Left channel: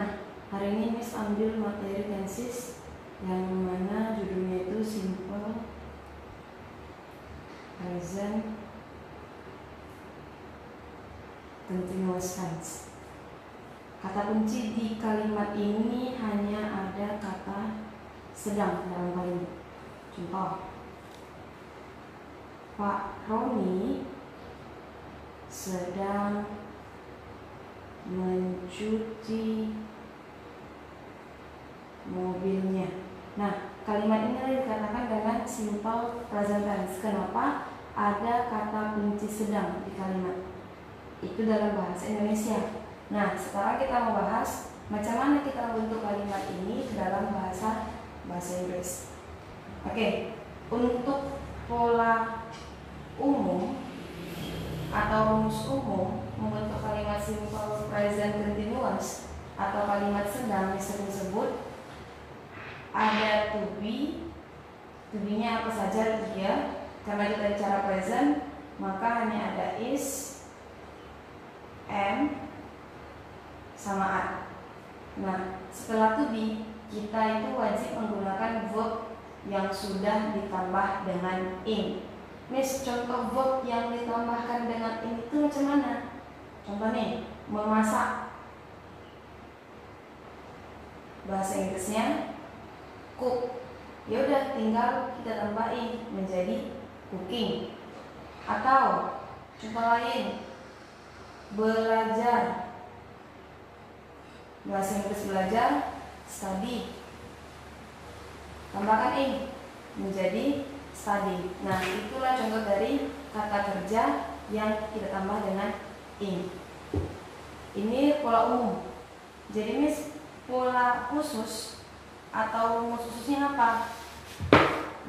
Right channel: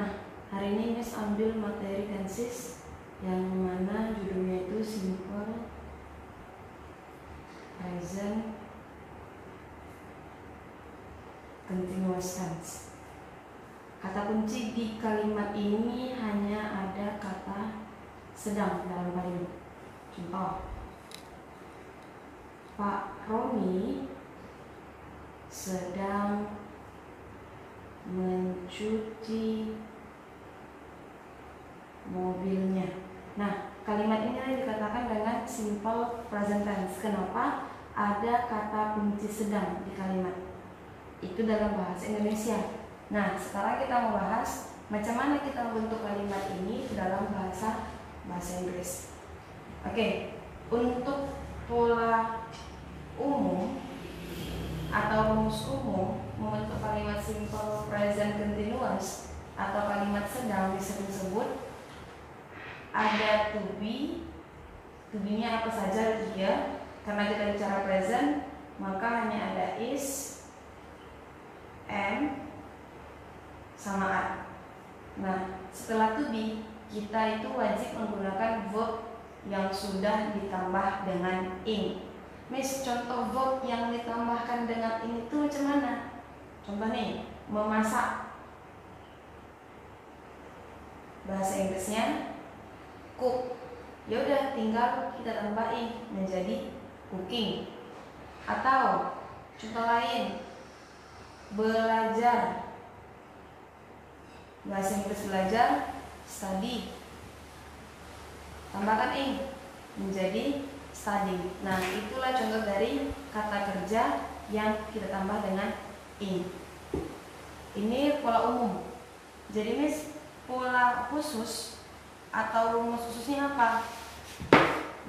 Nah, hari ini Miss ambil materi tenses yang mana judulnya itu simple present continuous tense. Kata kunci di kalimat ini hanya ada kata sedang dalam kalimat. Contoh, Pak Roni sedang mencuci mobilnya. Nah, kalimat ini dikatakan dengan simple present tense. Kenapa? Ada kata kunci sedang di kalimat. Itu dalam bahasa Indonesia. Nah, sekarang kita mau bahas macam mana kita membentuk kalimat ini dalam bahasa Inggris. Oke, untuk pola umum atau rumus umum membentuk kalimat simple present continuous atau kalimat sedang disebut sebut ada to be. To be-nya apa saja dia. Karena kita bicara present, maka hanya ada is, am, sama are. Nah, setelah to be, kita itu wajib menggunakan verb yang sudah ditambah dengan in. Miss, contoh verb yang ditambahkan dengan in itu macam mana? Contoh nih, memasak. Bahasa Inggrisnya cook. Ya udah, tinggal kita tambahin menjadi cooking. Atau contoh lain, belajar. Bahasa Inggris belajar, study. Tambahkan in menjadi study. Nah, itulah contoh dari kata kerja yang kita tambah dengan in. Ini pola umum. Jadi Miss, pola khusus atau rumus khususnya apa?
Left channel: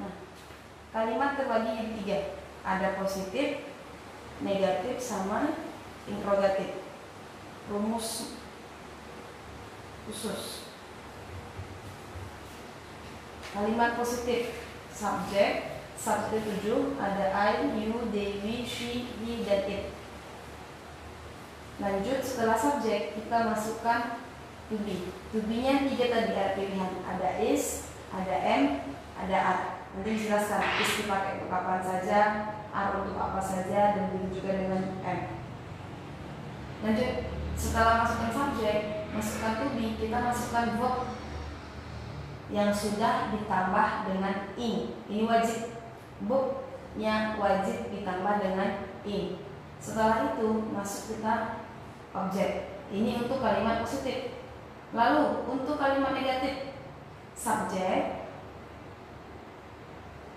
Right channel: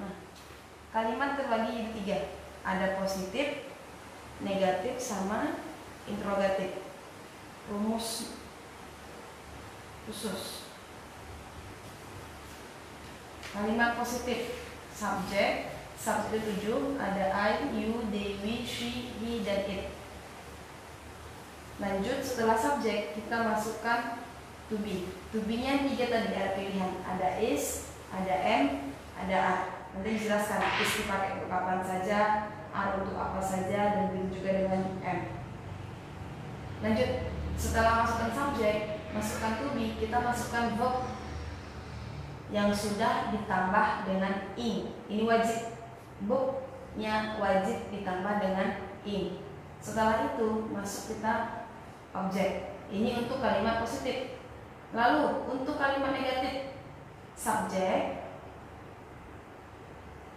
Nah, kalimat terbagi jadi 3. Ada positif, negatif, sama interrogatif. Rumus khusus. Kalimat positif, subjek 7 ada I, you, they, we, she, he, dan it. Lanjut, setelah subjek kita masukkan to be. To be-nya 3 tadi ada pilihan, ada is, ada am, ada are. Nanti dijelaskan is dipakai untuk kapan saja, are untuk apa saja, dan begitu juga dengan am. Lanjut, setelah masukkan subjek, masukkan to be, kita masukkan verb yang sudah ditambah dengan in. Ini wajib, verb-nya wajib ditambah dengan in. Setelah itu masuk kita objek. Ini untuk kalimat positif. Lalu untuk kalimat negatif, subjek,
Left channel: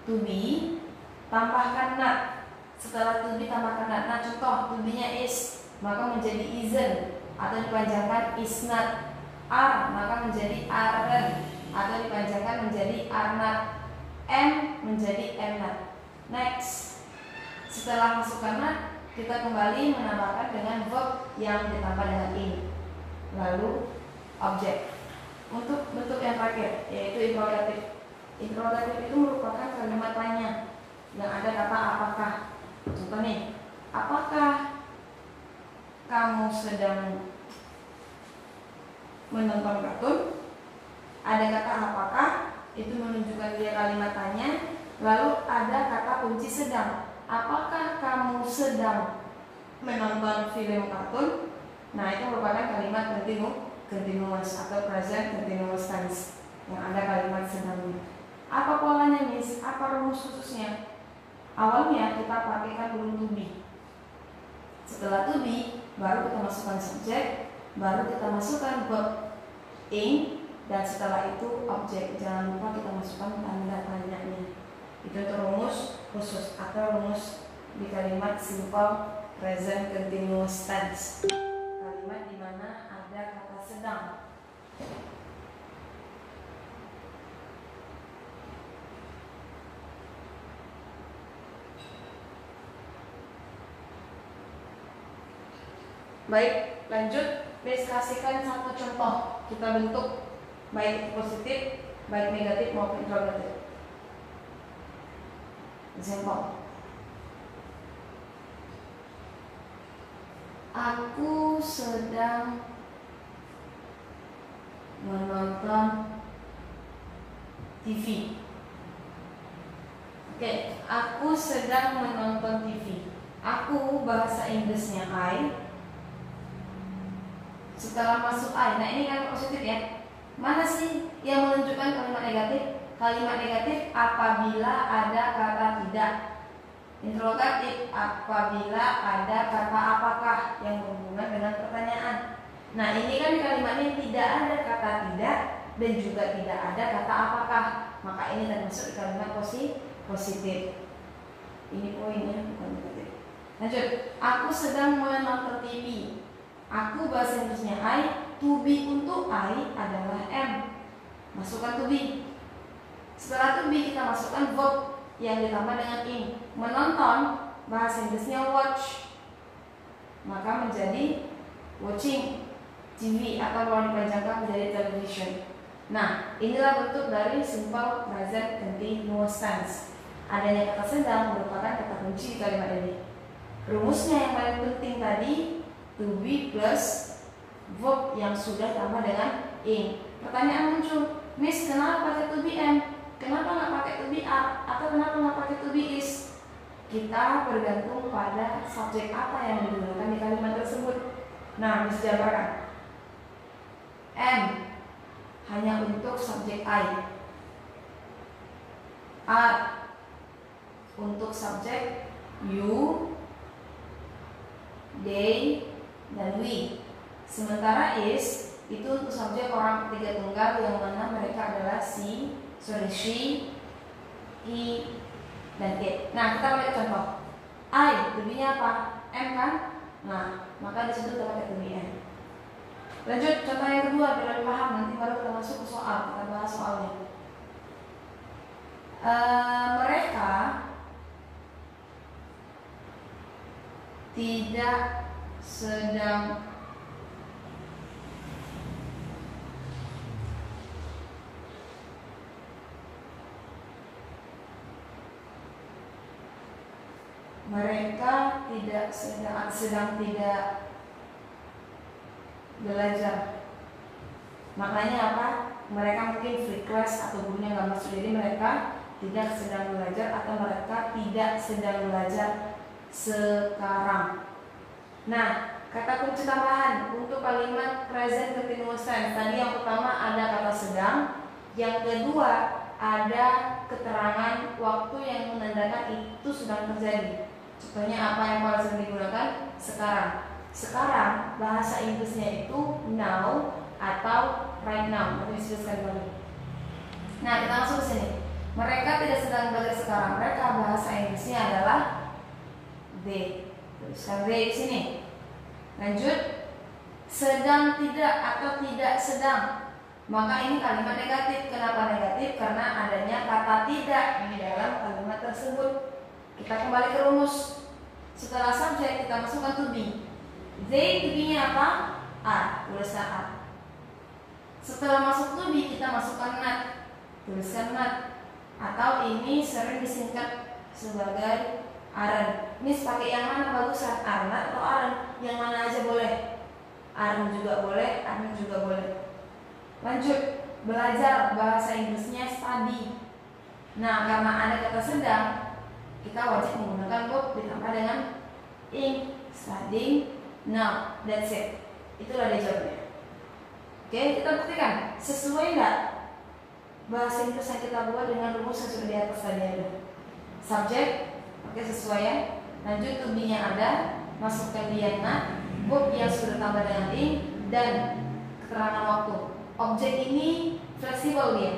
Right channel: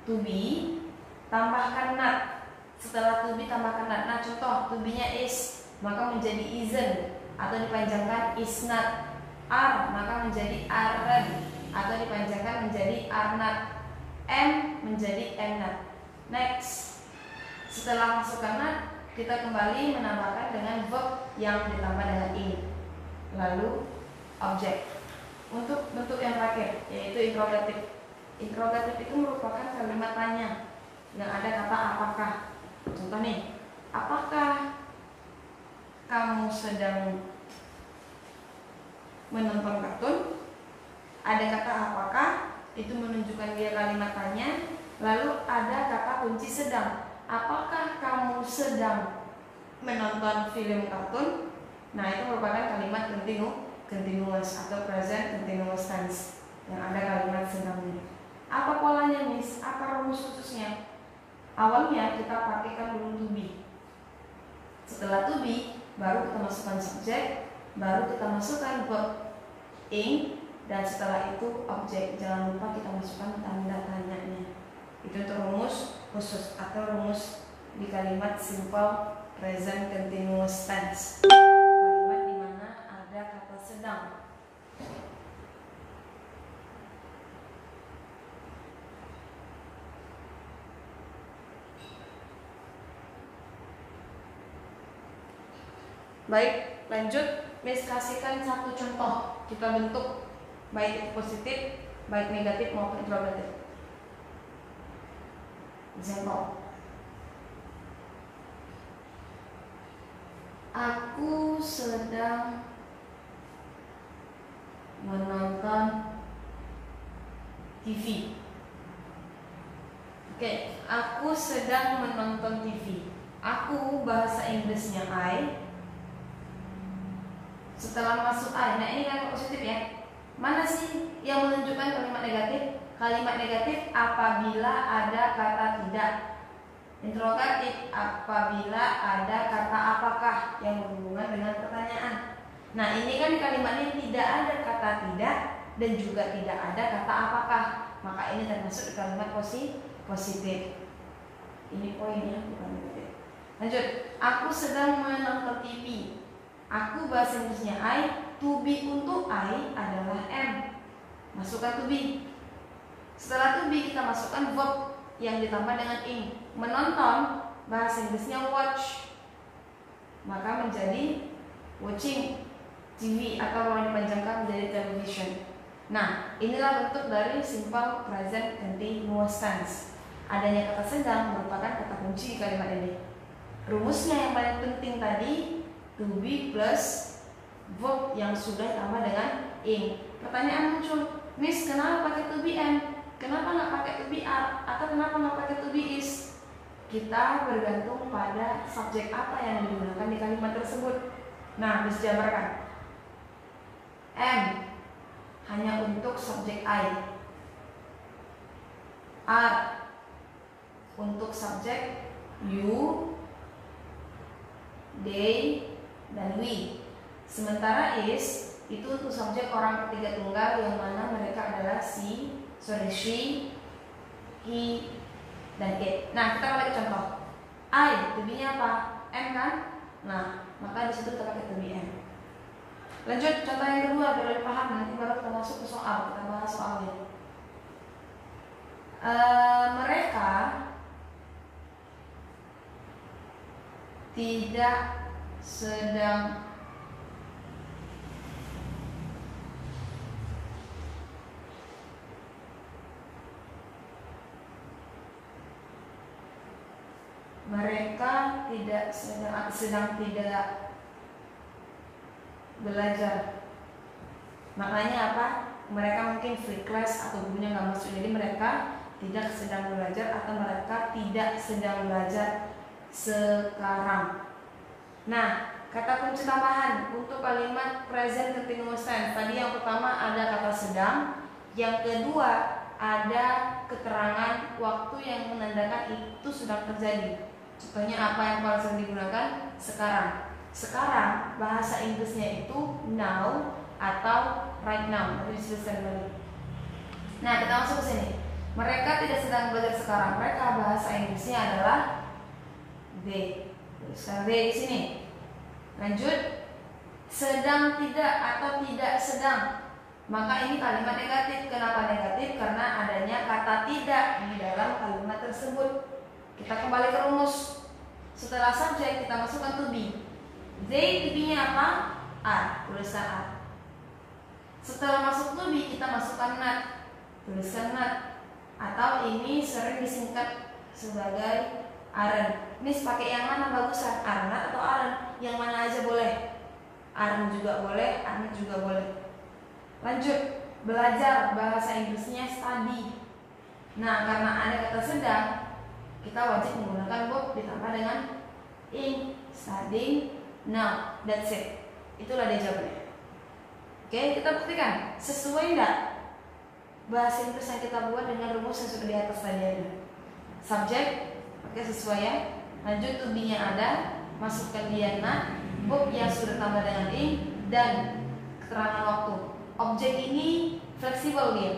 to be, tambahkan not. Setelah to be tambahkan not. Nah, contoh to be-nya is, maka menjadi isn't, atau dipanjangkan is not. Are, maka menjadi aren't, atau dipanjangkan menjadi are not. Am menjadi am not. Next, setelah masukkan not, kita kembali menambahkan dengan verb yang ditambah dengan in. Lalu objek. Untuk bentuk yang terakhir, yaitu interrogatif. Interrogatif itu merupakan kalimat tanya yang ada kata apakah. Contoh nih, apakah kamu sedang menonton kartun? Ada kata apakah, itu menunjukkan dia kalimat tanya. Lalu ada kata kunci sedang. Apakah kamu sedang menonton film kartun? Nah, itu merupakan kalimat continuous atau present continuous tense yang ada kalimat sedangnya. Apa polanya, Miss? Apa rumus khususnya? Awalnya kita pakaikan dulu to be. Setelah to be, baru kita masukkan subjek, baru kita masukkan verb in, dan setelah itu objek. Jangan lupa kita masukkan tanda tanyanya. Itu untuk rumus khusus atau rumus di kalimat simple present continuous tense. Kalimat di mana ada kata sedang. Baik, lanjut. Miss kasihkan satu contoh kita bentuk, baik itu positif, baik negatif maupun interrogatif. Example. Aku sedang menonton TV. Oke, aku sedang menonton TV. Aku bahasa Inggrisnya I. Setelah masuk I, nah ini kan positif ya. Mana sih yang menunjukkan kalimat negatif? Kalimat negatif apabila ada kata tidak. Interrogatif apabila ada kata apakah yang berhubungan dengan pertanyaan. Nah ini kan di kalimatnya tidak ada kata tidak dan juga tidak ada kata apakah. Maka ini termasuk di kalimat positif. Ini poinnya, bukan negatif. Lanjut, aku sedang menonton TV. Aku bahasa Inggrisnya I. To be untuk I adalah am. Masukkan to be. Setelah to be kita masukkan verb yang ditambah dengan ing. Menonton bahasa Inggrisnya watch. Maka menjadi watching TV atau kalau dipanjangkan menjadi television. Nah, inilah bentuk dari simple present continuous tense. Adanya kata sedang merupakan kata kunci di kalimat ini. Rumusnya yang paling penting tadi to be plus verb yang sudah tambah dengan ing. Pertanyaan muncul, Miss, kenapa pakai to be am? Kenapa nggak pakai to be are? Atau kenapa nggak pakai to be is? Kita bergantung pada subjek apa yang digunakan di kalimat tersebut. Nah, Miss jabarkan. Am hanya untuk subjek I. Are untuk subjek you, they, dan we. Sementara is itu untuk subjek orang ketiga tunggal yang mana mereka adalah she, he, dan it. Nah kita lihat contoh. I, to be-nya apa? M kan? Nah maka disitu kita pakai to be M. Lanjut contoh yang kedua biar lebih paham, nanti baru kita masuk ke soal, kita bahas soalnya. Mereka tidak sedang sedang tidak belajar. Maknanya apa? Mereka mungkin free class atau gurunya nggak masuk, jadi mereka tidak sedang belajar atau mereka tidak sedang belajar sekarang. Nah, kata kunci tambahan untuk kalimat present continuous tense. Tadi yang pertama ada kata sedang, yang kedua ada keterangan waktu yang menandakan itu sedang terjadi. Contohnya apa yang paling sering digunakan? Sekarang. Sekarang bahasa Inggrisnya itu now atau right now. Nanti disebutkan lagi. Nah, kita masuk ke sini. Mereka tidak sedang belajar sekarang. Mereka bahasa Inggrisnya adalah they. Tuliskan they di sini. Lanjut, sedang tidak atau tidak sedang. Maka ini kalimat negatif. Kenapa negatif? Karena adanya kata tidak di dalam kalimat tersebut. Kita kembali ke rumus. Setelah subjek kita masukkan to be. They, to be-nya apa? Are. Tuliskan are. Setelah masuk to be kita masukkan not. Tuliskan not. Atau ini sering disingkat sebagai aren't. Miss pakai yang mana bagusan? Are not atau aren't? Yang mana aja boleh. Aren't juga boleh, aren't juga boleh. Lanjut, belajar bahasa Inggrisnya study. Nah, karena ada kata sedang, kita wajib menggunakan verb ditambah dengan ing. Studying now, that's it. Itulah dia jawabannya. Oke, kita buktikan sesuai enggak bahasa Inggris yang kita buat dengan rumus yang sudah di atas tadi ada. Subjek, oke sesuai ya. Lanjut to be-nya ada, masukkan dia not, verb yang sudah tambah dengan ing, dan keterangan waktu. Objek ini fleksibel dia.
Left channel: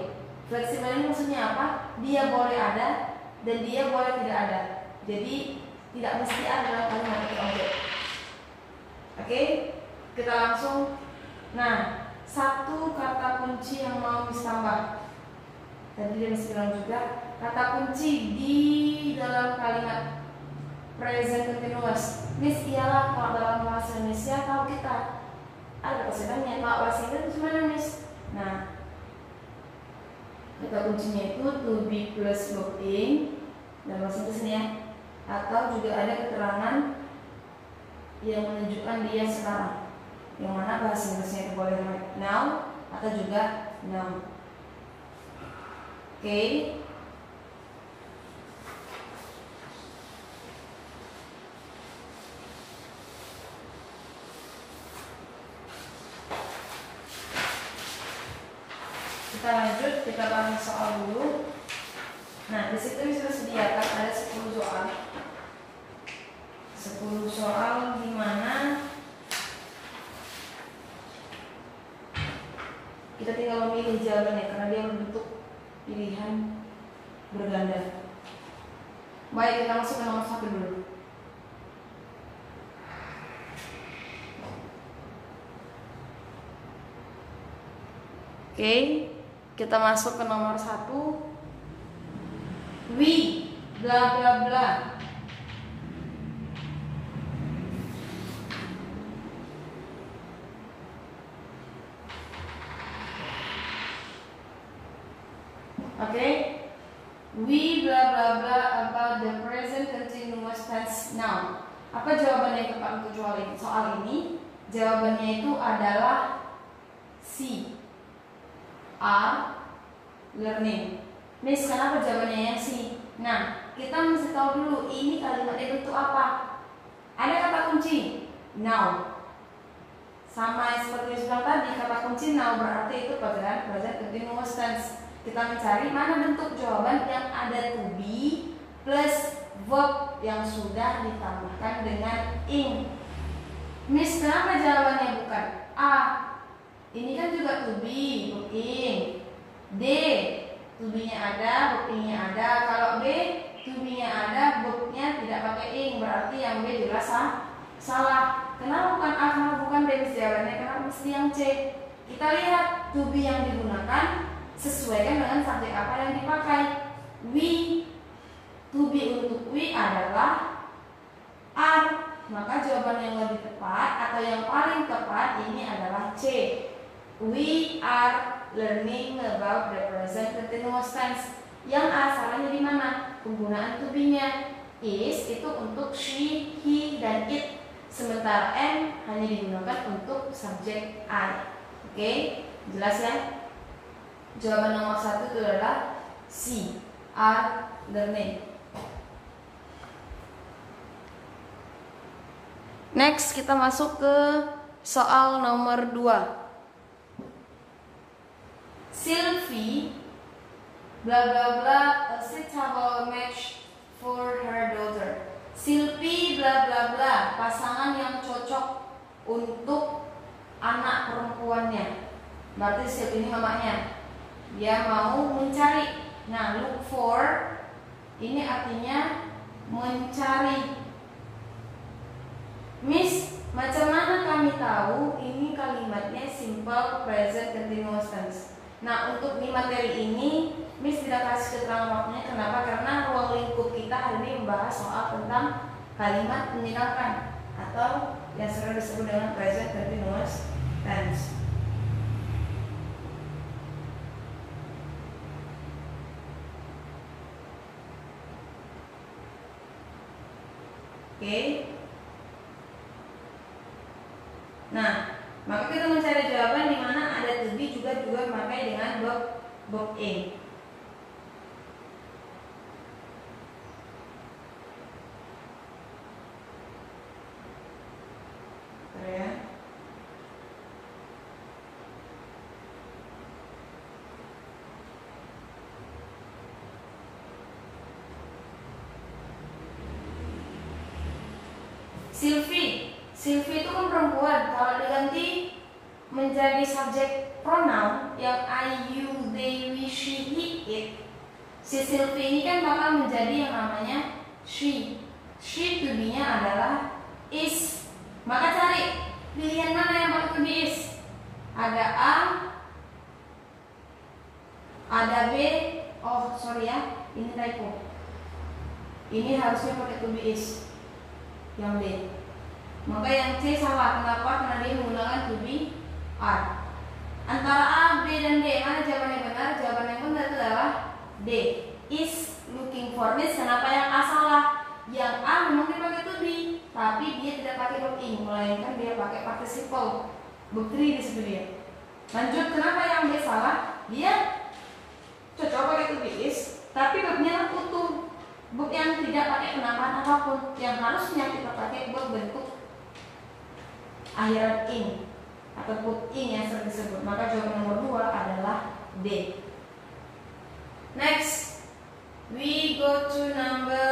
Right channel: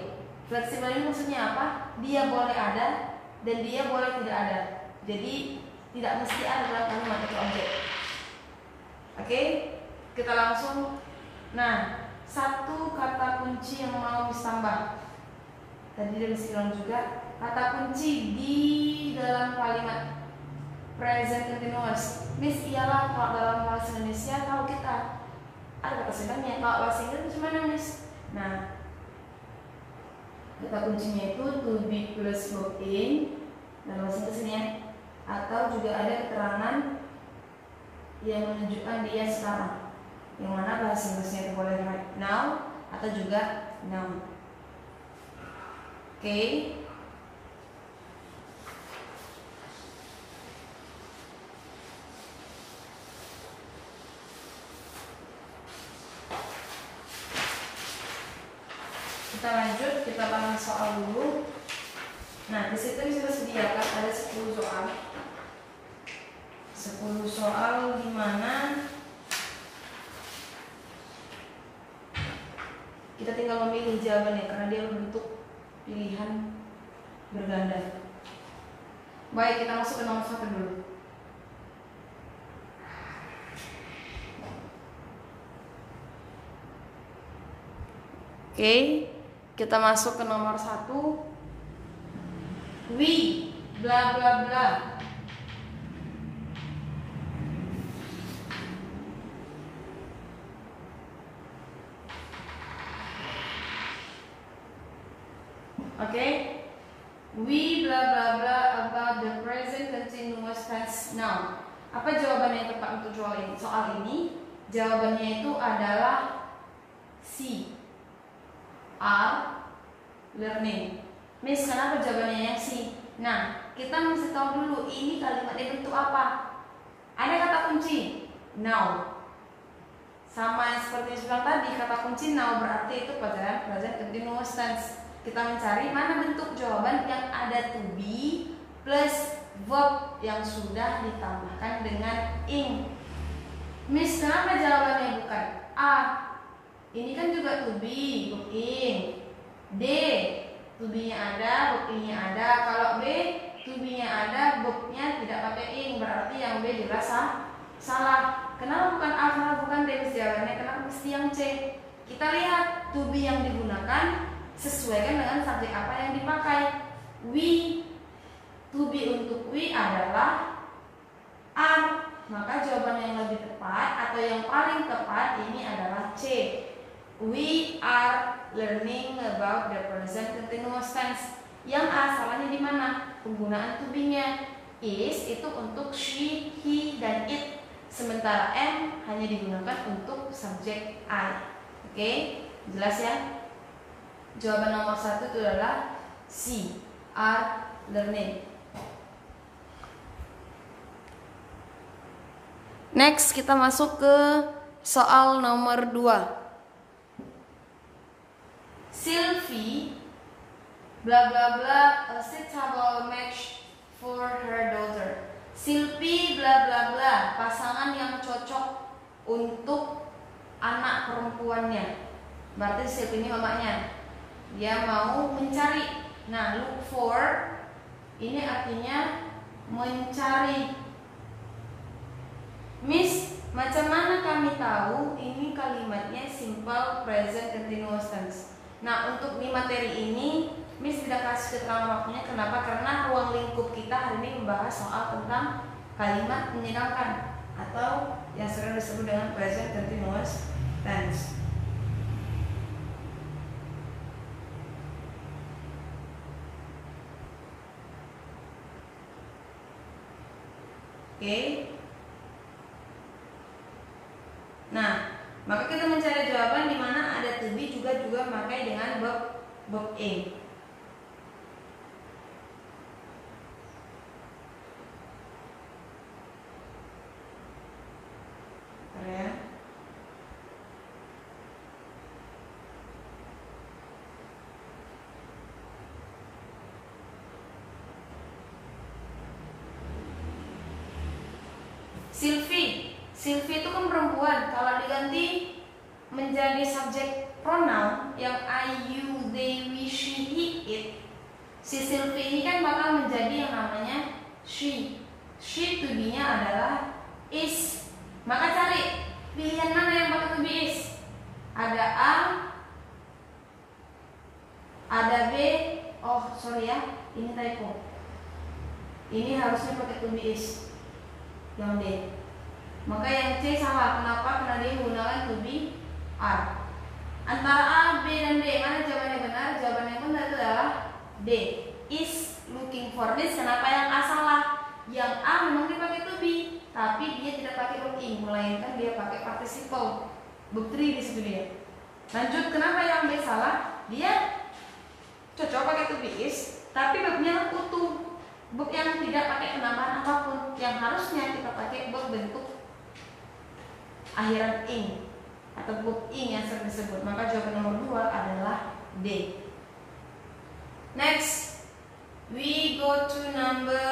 Fleksibel ini maksudnya apa? Dia boleh ada dan dia boleh tidak ada. Jadi tidak mesti ada dalam kalimat itu objek. Oke, kita langsung. Nah, satu kata kunci yang mau ditambah. Tadi dari bilang juga kata kunci di dalam kalimat present continuous. Miss, ialah kalau dalam bahasa Indonesia kalau kita ada kata sedangnya, kalau bahasa Inggris gimana Miss? Nah, kata kuncinya itu to be plus verb in dalam bahasa Inggris ya. Atau juga ada keterangan yang menunjukkan dia sekarang, yang mana bahasa Inggrisnya itu boleh right now atau juga noun. Oke. Kita lanjut, kita bahas soal dulu. Nah, di situ sudah sediakan ada 10 soal. 10 soal di mana kita tinggal memilih jawabannya karena dia berbentuk pilihan berganda. Baik, kita masuk ke nomor 1 dulu. Oke, kita masuk ke nomor 1. We bla bla bla. Oke, we bla bla bla about the present continuous tense noun. Apa jawabannya yang tepat untuk soal ini? Jawabannya itu adalah C. Are learning. Miss, kenapa jawabannya yang C? Nah, kita mesti tahu dulu ini kalimatnya bentuk apa. Ada kata kunci now. Sama seperti yang tadi, kata kunci now berarti itu present continuous tense. Kita mencari mana bentuk jawaban yang ada to be plus verb yang sudah ditambahkan dengan ing. Miss, kenapa jawabannya bukan A? Ini kan juga to be, booking. D, to be-nya ada, booking-nya ada. Kalau B, to be-nya ada, book-nya tidak pakai ing, berarti yang B jelas salah. Kenapa bukan A, kenapa bukan B? Jawabannya kenapa mesti yang C? Kita lihat to be yang digunakan sesuaikan dengan subjek apa yang dipakai. We, to be untuk we adalah are. Maka jawaban yang lebih tepat atau yang paling tepat ini adalah C. We are learning about the present continuous tense. Yang A salahnya di mana? Penggunaan to be-nya. Is itu untuk she, he, dan it. Sementara am hanya digunakan untuk subjek I. Oke, jelas ya? Jawaban nomor 1 itu adalah C. Are learning. Next, kita masuk ke soal nomor 2. Sylvie bla bla bla a suitable match for her daughter. Sylvie bla bla bla pasangan yang cocok untuk anak perempuannya. Berarti Sylvie ini mamanya. Dia mau mencari. Nah, look for ini artinya mencari. Miss, macam mana kami tahu ini kalimatnya simple present continuous tense? Nah, untuk di materi ini Miss tidak kasih keterangan waktunya. Kenapa? Karena ruang lingkup kita hari ini membahas soal tentang kalimat menyenangkan atau yang sering disebut dengan present continuous tense. Oke. Nah, maka kita mencari jawaban di mana ada to be juga memakai dengan verb ing. Bentar ya. Sylvie itu kan perempuan. Kalau diganti menjadi subjek pronoun yang I, you, they, we, she, he, it, si Sylvie ini kan bakal menjadi yang namanya she. She to be-nya adalah is. Maka cari pilihan mana yang pakai to be is. Ada A, ada B. Oh sorry ya, ini typo. Ini harusnya pakai to be is. Yang D. Maka yang C salah. Kenapa? Karena dia menggunakan to be are. Antara A, B, dan D, mana jawaban yang benar? Jawaban yang benar itu adalah D. Is looking for this. Kenapa yang A salah? Yang A memang dipakai to be, tapi dia tidak pakai verb ing, melainkan dia pakai participle. Bukti di situ dia. Lanjut, kenapa yang B salah? Dia cocok pakai to be is, tapi verbnya utuh, verb yang tidak pakai penambahan apapun. Yang harusnya kita pakai verb bentuk akhiran ing atau verb ing yang sering disebut. Maka jawaban nomor 2 adalah D. Next, we go to number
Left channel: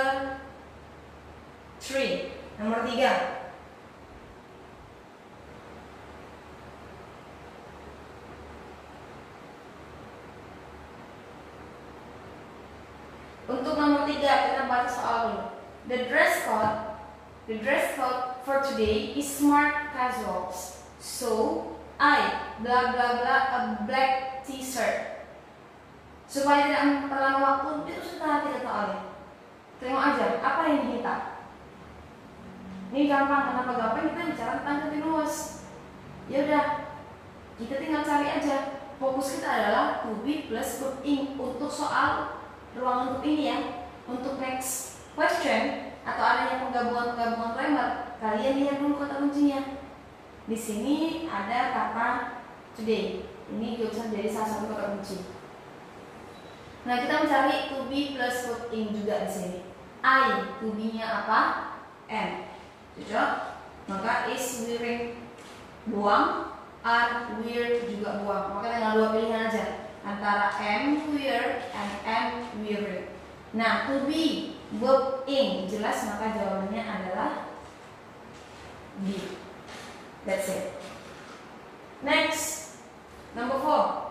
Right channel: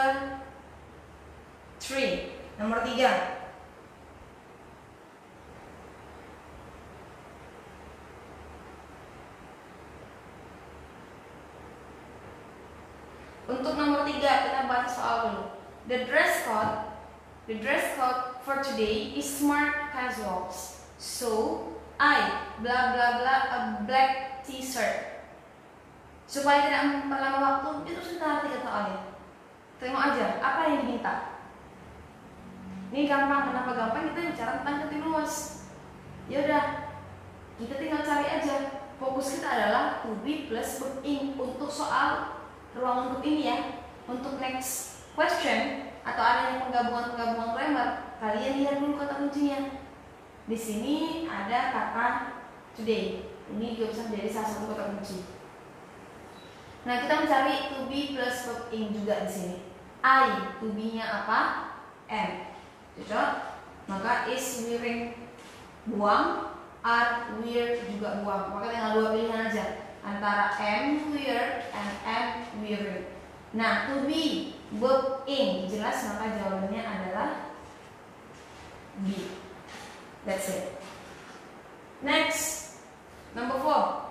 3. Nomor 3. Untuk nomor 3 kita bahas soal dulu. The dress code for today is smart casuals. So I bla bla bla a black t-shirt. Supaya tidak memperlama waktu, itu sudah kita soalnya. Tengok aja apa yang diminta. Ini gampang, kenapa gampang? Kita bicara tentang continuous. Ya udah, kita tinggal cari aja. Fokus kita adalah to be plus verb ing untuk soal ruang lingkup ini ya. Untuk next question atau adanya penggabungan grammar, kalian lihat dulu kata kuncinya. Di sini ada kata today. Ini juga bisa menjadi salah satu kata kunci. Nah, kita mencari to be plus verb ing juga di sini. I, to be-nya apa? Am. Cocok? Maka is wearing buang, are wear juga buang. Maka tinggal 2 pilihan aja antara am wear and am wearing. Nah, to be verb ing jelas, maka jawabannya adalah B. That's it. Next, number 4.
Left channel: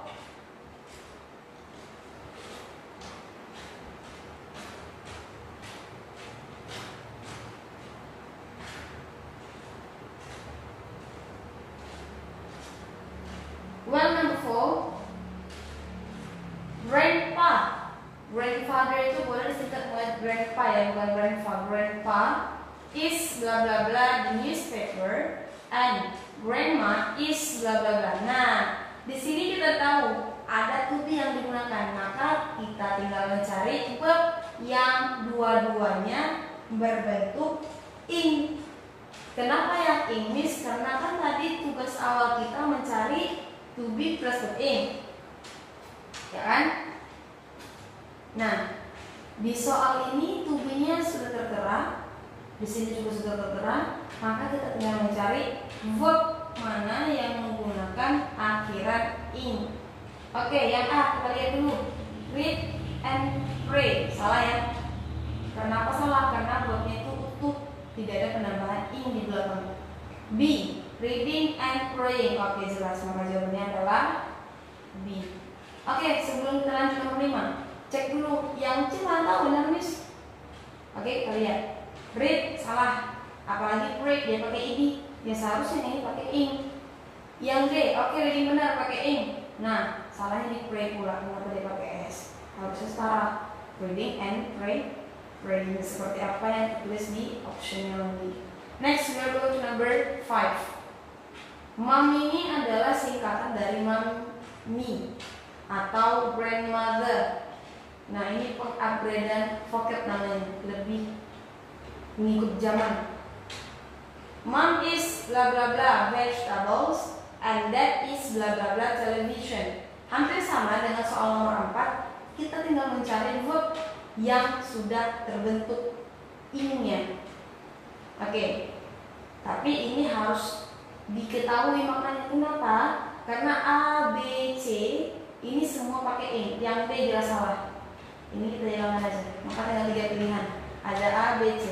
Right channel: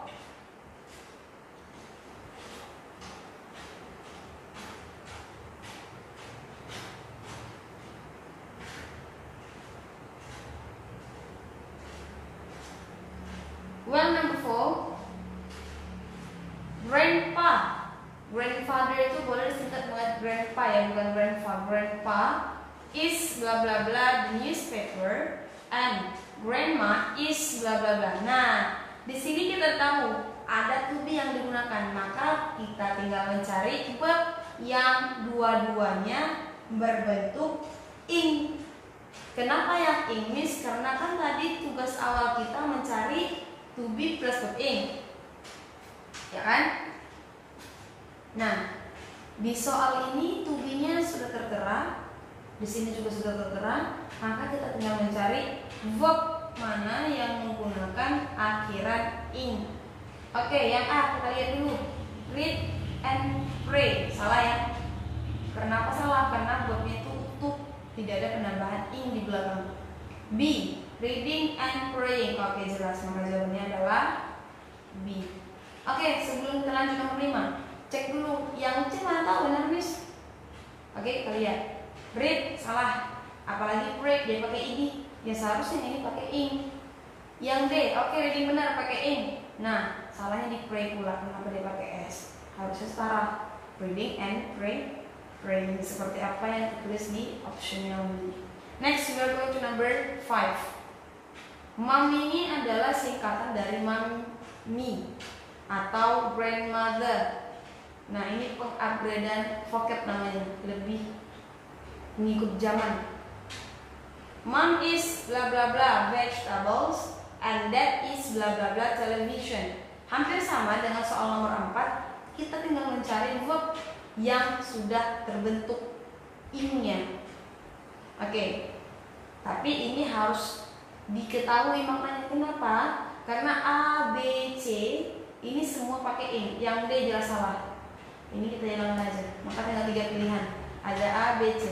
Well, number 4, grandfather itu boleh disingkat dengan grandpa ya, bukan grandpa. Grandpa is bla bla bla the newspaper and grandma is bla bla bla. Nah, di sini kita tahu ada to be yang digunakan, maka kita tinggal mencari verb yang dua-duanya berbentuk ing. Kenapa yang ing, Miss? Karena kan tadi tugas awal kita mencari to be plus verb ing, ya kan? Nah, di soal ini to be-nya sudah tertera, di sini juga sudah tertera, maka kita tinggal mencari verb mana yang menggunakan akhiran ing. Oke, yang A kita lihat dulu. Read and pray. Salah ya? Kenapa salah? Karena verbnya itu utuh, tidak ada penambahan ing di belakang. B, reading and praying. Oke, jelas, maka jawabannya adalah B. Oke, sebelum kita lanjut nomor 5, cek dulu yang C mana tahu benar, Miss? Oke, kita lihat. Read salah, apalagi pray dia pakai id. Ya seharusnya ini pakai ing. Yang D, oke, reading benar pakai ing. Nah, salahnya di pray pula, kenapa dia pakai s? Harusnya setara, reading and pray. Praying seperti apa yang ditulis di optional B. Next, we are going to number 5. Mom ini adalah singkatan dari mommy atau grandmother. Nah, ini pengupgradean vocab namanya, lebih mengikut zaman. Mom is bla bla bla vegetables and dad is bla bla bla television. Hampir sama dengan soal nomor 4. Kita tinggal mencari verb yang sudah terbentuk ing-nya. Oke. Tapi ini harus diketahui maknanya. Kenapa? Karena A, B, C ini semua pakai ing. Yang D jelas salah. Ini kita jalan aja. Maka tinggal 3 pilihan. Ada A, B, C.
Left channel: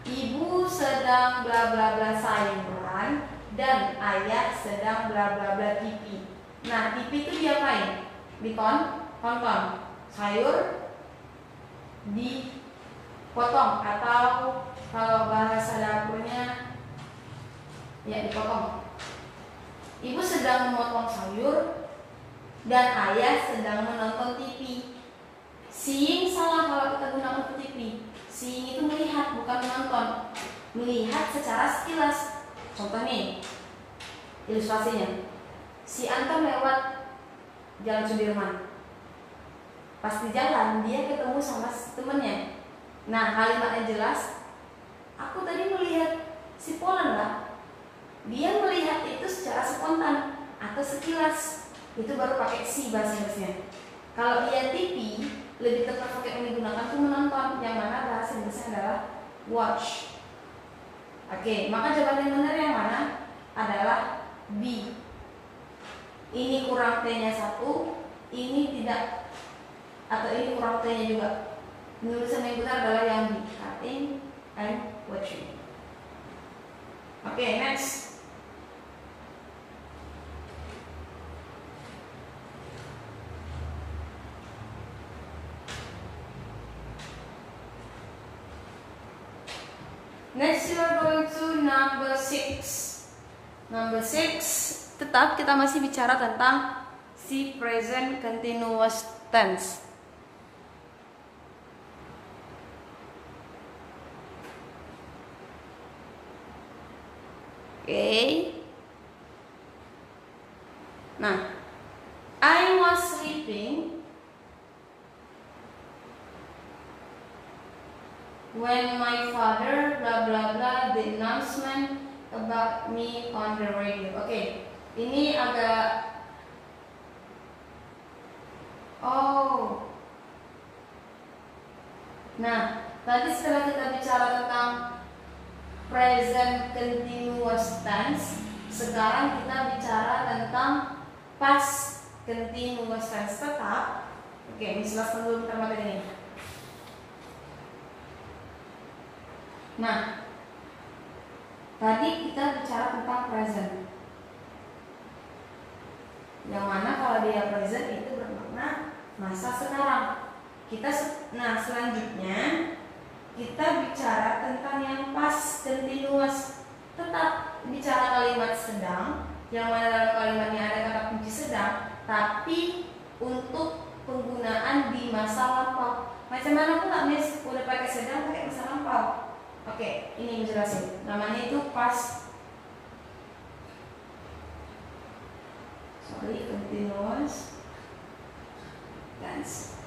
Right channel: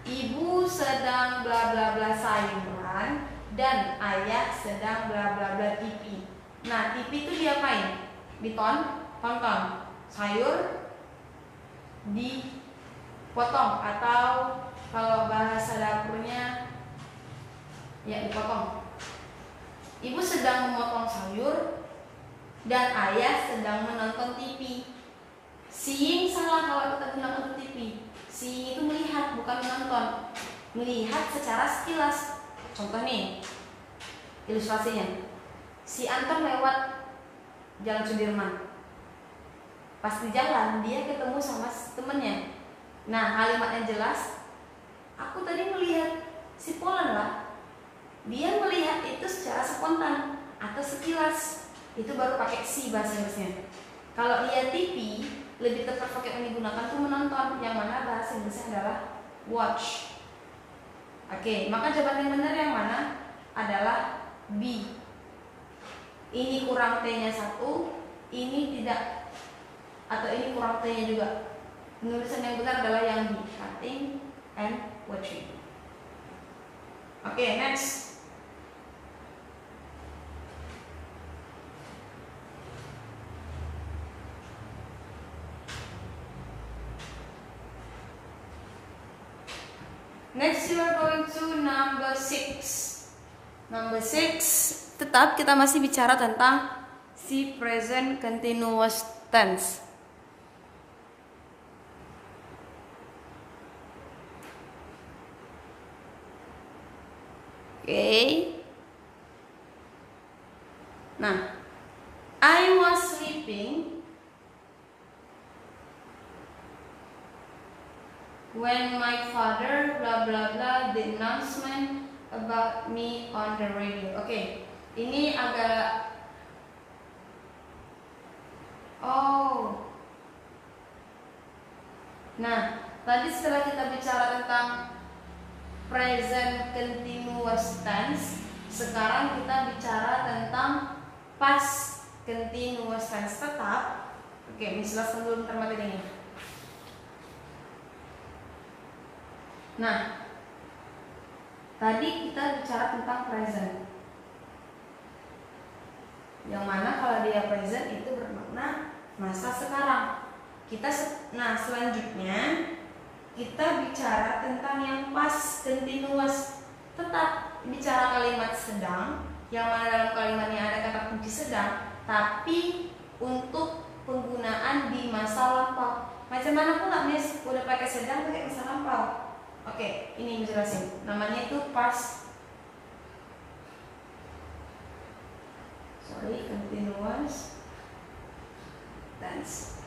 Ibu sedang bla bla bla sayuran dan ayah sedang bla bla bla TV. Nah, TV itu diapain? Tonton. Sayur dipotong atau kalau bahasa dapurnya ya dipotong. Ibu sedang memotong sayur dan ayah sedang menonton TV. Seeing salah kalau kita gunakan untuk TV. Seeing itu melihat, bukan menonton. Melihat secara sekilas. Contoh nih, ilustrasinya. Si Anton lewat Jalan Sudirman. Pas di jalan dia ketemu sama temennya. Nah, kalimatnya jelas. Aku tadi melihat si Polan lah. Dia melihat itu secara spontan atau sekilas. itu baru pakai see bahasa Inggrisnya. Kalau dia TV, lebih tepat pakai yang digunakan tuh menonton, yang mana bahasa Inggrisnya adalah watch. Oke, maka jawaban yang benar yang mana? Adalah B. Ini kurang T-nya 1, ini tidak, atau ini kurang T-nya juga. Penulisan yang benar adalah yang B, cutting and watching. Oke, next. Next you are going to number 6. Number 6, tetap kita masih bicara tentang si present continuous tense. Oke. Nah, I was sleeping when my father blah blah blah the announcement about me on the radio. Oke, ini agak Nah, tadi setelah kita bicara tentang present continuous tense, sekarang kita bicara tentang past continuous tense. Tetap. Oke, jelaskan dulu materi ini. Nah, tadi kita bicara tentang present, yang mana kalau dia present itu bermakna masa sekarang. Nah, selanjutnya kita bicara tentang yang past continuous. Tetap bicara kalimat sedang, yang mana dalam kalimatnya ada kata kunci sedang, tapi untuk penggunaan di masa lampau. Macam mana pula, Miss? Udah pakai sedang, pakai masa lampau. Oke, ini jelasin. Namanya itu past continuous tense.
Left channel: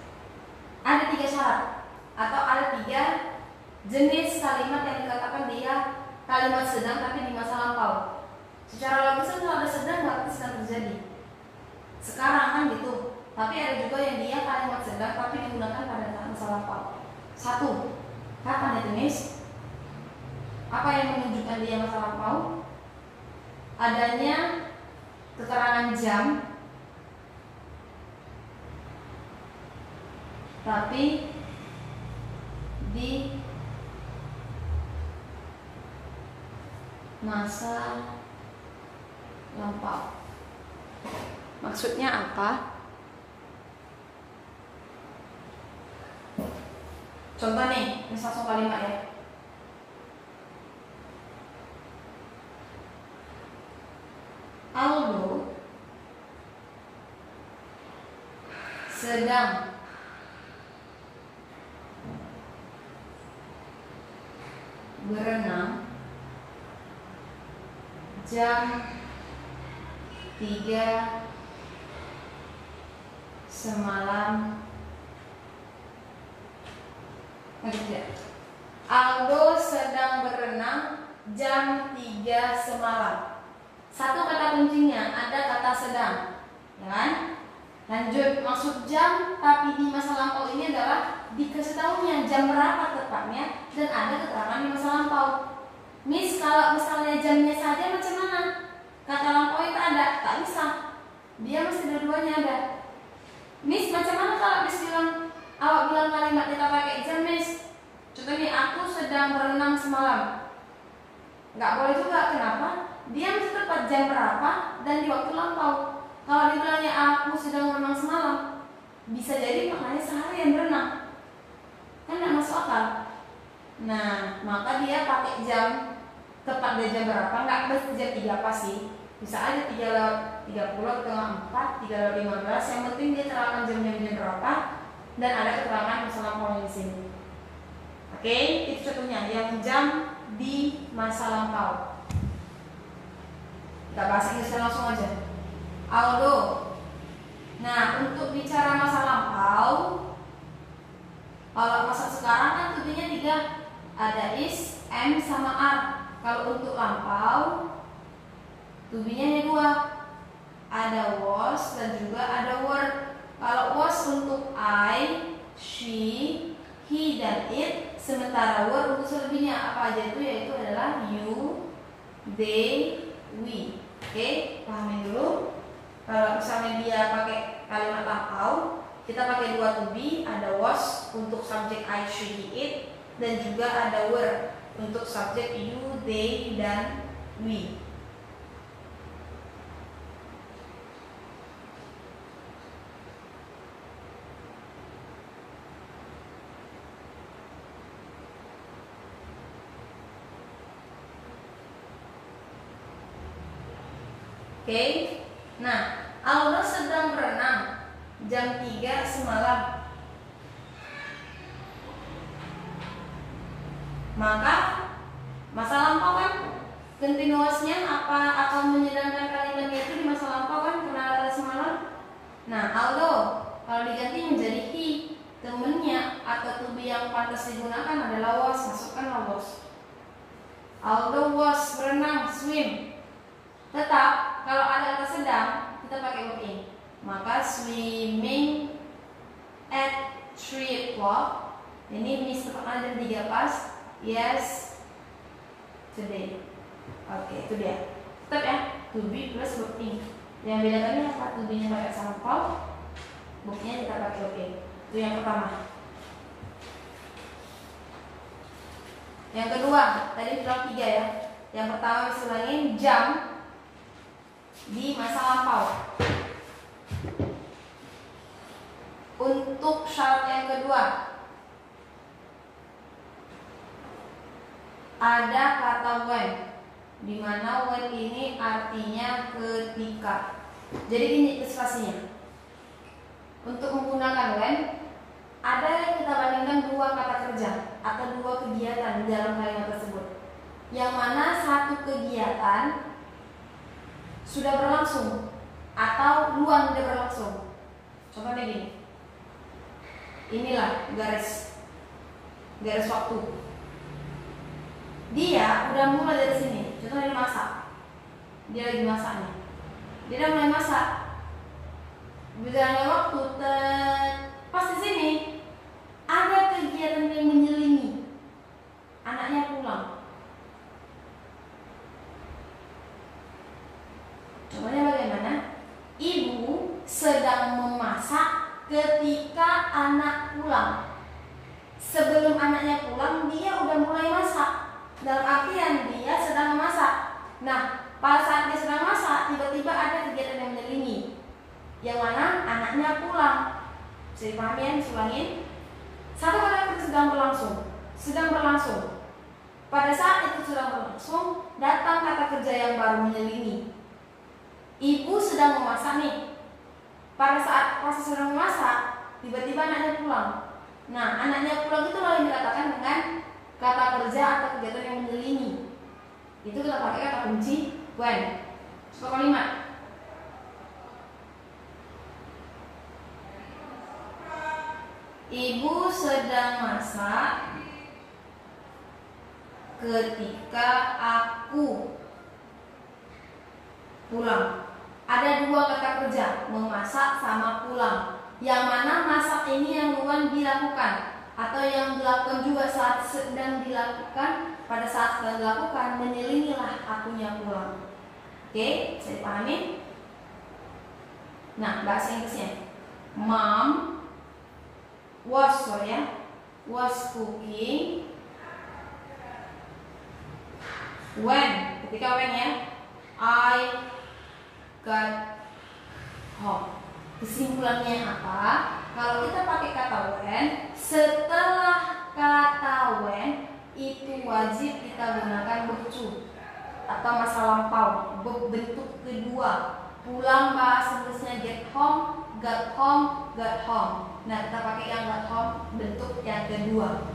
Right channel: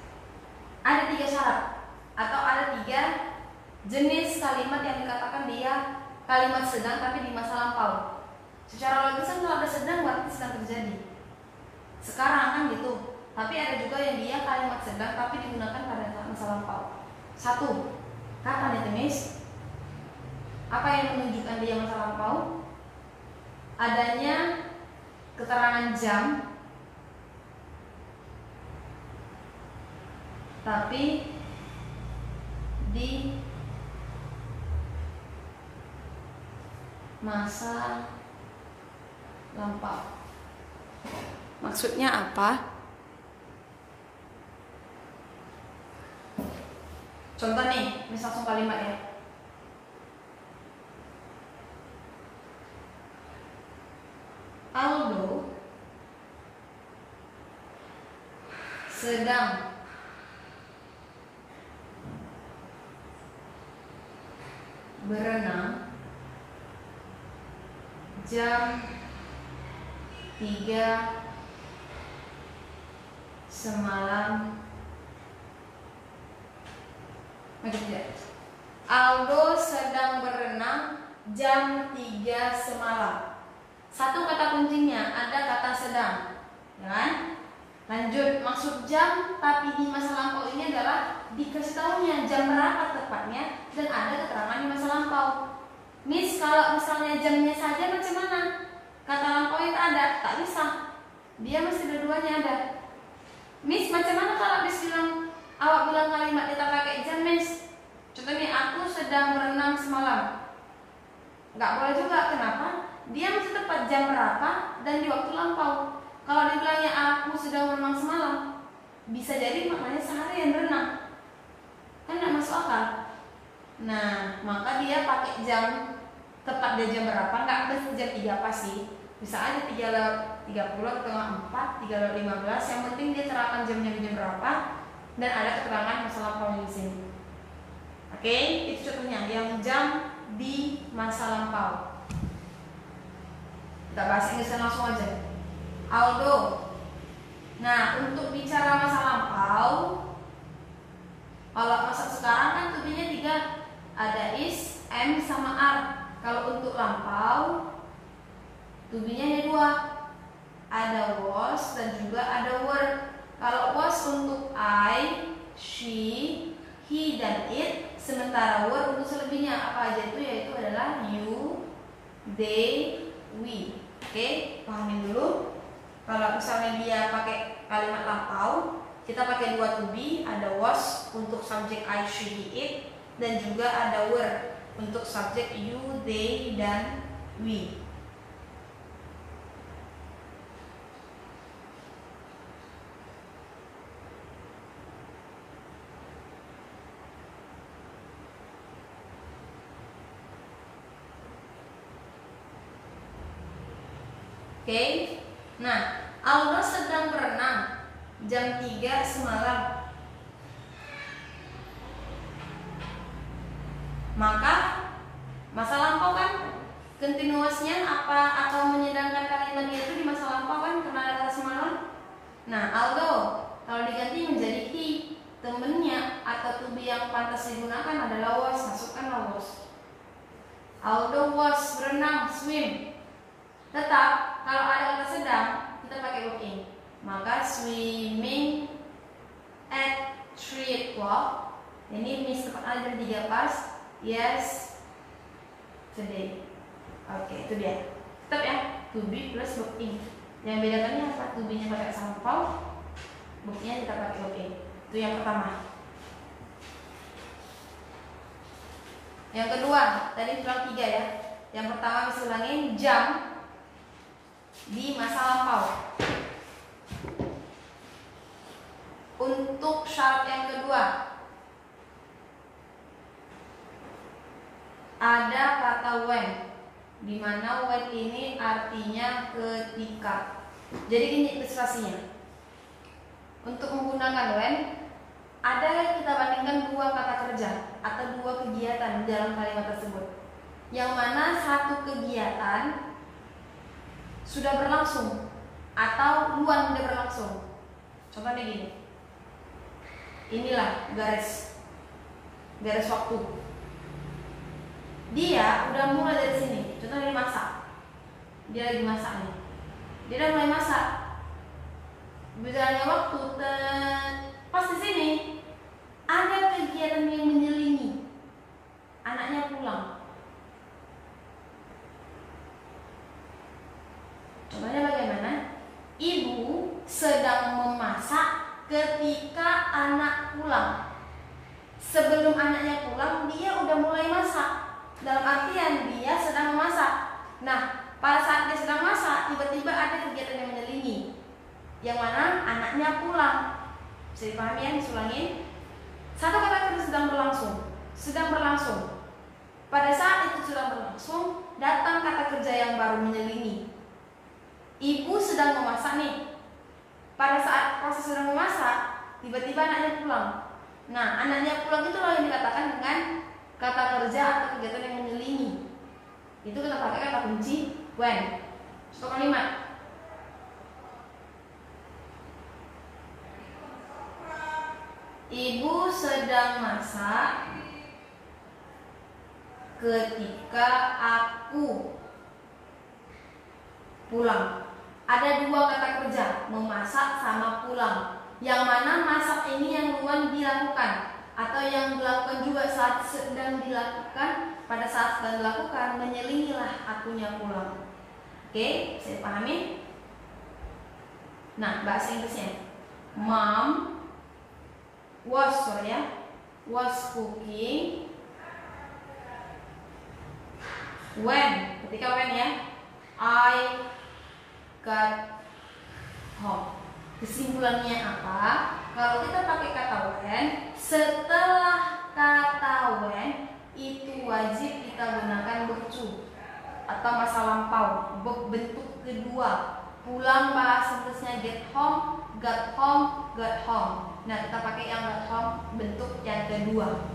Ada 3 syarat atau ada 3 jenis kalimat yang dikatakan dia kalimat sedang tapi di masa lampau. Secara logis kalau ada sedang berarti sedang terjadi sekarang kan gitu. Tapi ada juga yang dia kalimat sedang tapi digunakan pada masa lampau. 1. Kapan itu, Miss? Apa yang menunjukkan dia masa lampau? Adanya keterangan jam tapi di masa lampau. Maksudnya apa? Contoh nih, misal langsung kalimat ya. Aldo sedang berenang jam 3 semalam. Aldo sedang berenang jam 3 semalam. 1 kata kuncinya, ada kata sedang, ya kan? Lanjut, maksud jam tapi di masa lampau ini adalah dikasih tahunya jam berapa tepatnya dan ada keterangan di masa lampau. Miss, kalau misalnya jamnya saja macam mana? Kata lampau itu ada, tak bisa. Dia mesti dua-duanya ada. Miss, macam mana kalau Miss bilang, awak bilang kalimat kita pakai jam, Miss? Contohnya, aku sedang berenang semalam. Nggak boleh juga, kenapa? Dia mesti tepat jam berapa dan di waktu lampau. Kalau dibilangnya aku sedang berenang semalam, bisa jadi maknanya seharian berenang, kan nggak masuk akal. Nah, maka dia pakai jam, tepat dia jam berapa, nggak harus jam 3 pasti. Bisa aja 3:30 atau 4, 3:15. Yang penting dia terangkan jamnya jam berapa dan ada keterangan masa lampaunya di sini. Oke, itu contohnya yang jam di masa lampau. Kita bahas Inggris langsung aja. Aldo. Nah, untuk bicara masa lampau, kalau masa sekarang kan tujuannya 3, ada is, am, sama are. Kalau untuk lampau, tujuannya 2, ada was, dan juga ada were. Kalau was untuk I, she, he, dan it. Sementara were untuk selebihnya apa aja itu, yaitu adalah you, they, we. Oke, pahamin dulu. Kalau misalnya dia pakai kalimat lampau, kita pakai dua to be, ada was untuk subjek I, she, he, it, dan juga ada were untuk subjek you, they, dan we. Oke, nah Aldo sedang berenang jam 3 semalam. Maka masa lampau kan continuousnya apa akan menyedangkan kalimatnya itu di masa lampau kan karena ada semalam. Nah Aldo kalau diganti menjadi he, temennya atau to be yang pantas digunakan adalah was, masukkan was. Aldo was berenang, swim. Tetap kalau ada kata sedang kita pakai verb in. Maka swimming at 3 o'clock. Ini miss tepat aja 3 pas. Yes today. Oke, itu dia. Tetap ya, to be plus verb in. Yang bedakannya apa? To be nya pakai sampel, verb-nya kita pakai verb in. Itu yang pertama. Yang kedua, tadi bilang 3 ya. Yang pertama miss ulangin jam di masa lampau. Untuk syarat yang kedua, ada kata when, di mana when ini artinya ketika. Jadi gini ilustrasinya. Untuk menggunakan when, ada yang kita bandingkan dua kata kerja atau dua kegiatan di dalam kalimat tersebut. Yang mana satu kegiatan sudah berlangsung atau dua sudah berlangsung. Contohnya gini. Inilah garis waktu. Dia udah mulai dari sini. Contohnya masak. Dia lagi masak nih. Dia udah mulai masak. Berjalannya waktu, pas di sini ada kegiatan yang menyelingi. Anaknya pulang. Contohnya bagaimana? Ibu sedang memasak ketika anak pulang. Sebelum anaknya pulang, dia udah mulai masak. Dalam artian dia sedang memasak. Nah, pada saat dia sedang masak, tiba-tiba ada kegiatan yang menyelingi, yang mana anaknya pulang. Bisa dipahami ya? Disulangin. Satu kata itu sedang berlangsung. Pada saat itu sedang berlangsung, datang kata kerja yang baru menyelingi. Ibu sedang memasak nih. Pada saat proses sedang memasak, tiba-tiba anaknya pulang. Nah, anaknya pulang itu yang dikatakan dengan kata kerja atau kegiatan yang menyelingi. Itu kita pakai kata kunci when. Contoh kalimat. Ibu sedang masak ketika aku pulang. Ada dua kata kerja, memasak sama pulang. Yang mana masak ini yang duluan dilakukan atau yang dilakukan juga saat sedang dilakukan. Pada saat sedang dilakukan, menyelingilah akunya pulang. Oke, saya pahami. Nah, bahasa Inggrisnya, Mom was cooking ketika when ya, I got home. Kesimpulannya apa? Kalau kita pakai kata when, setelah kata when itu wajib kita gunakan verb to atau masa lampau, bentuk kedua. Pulang bahasa Inggrisnya get home, got home, got home. Nah, kita pakai yang got home bentuk yang kedua.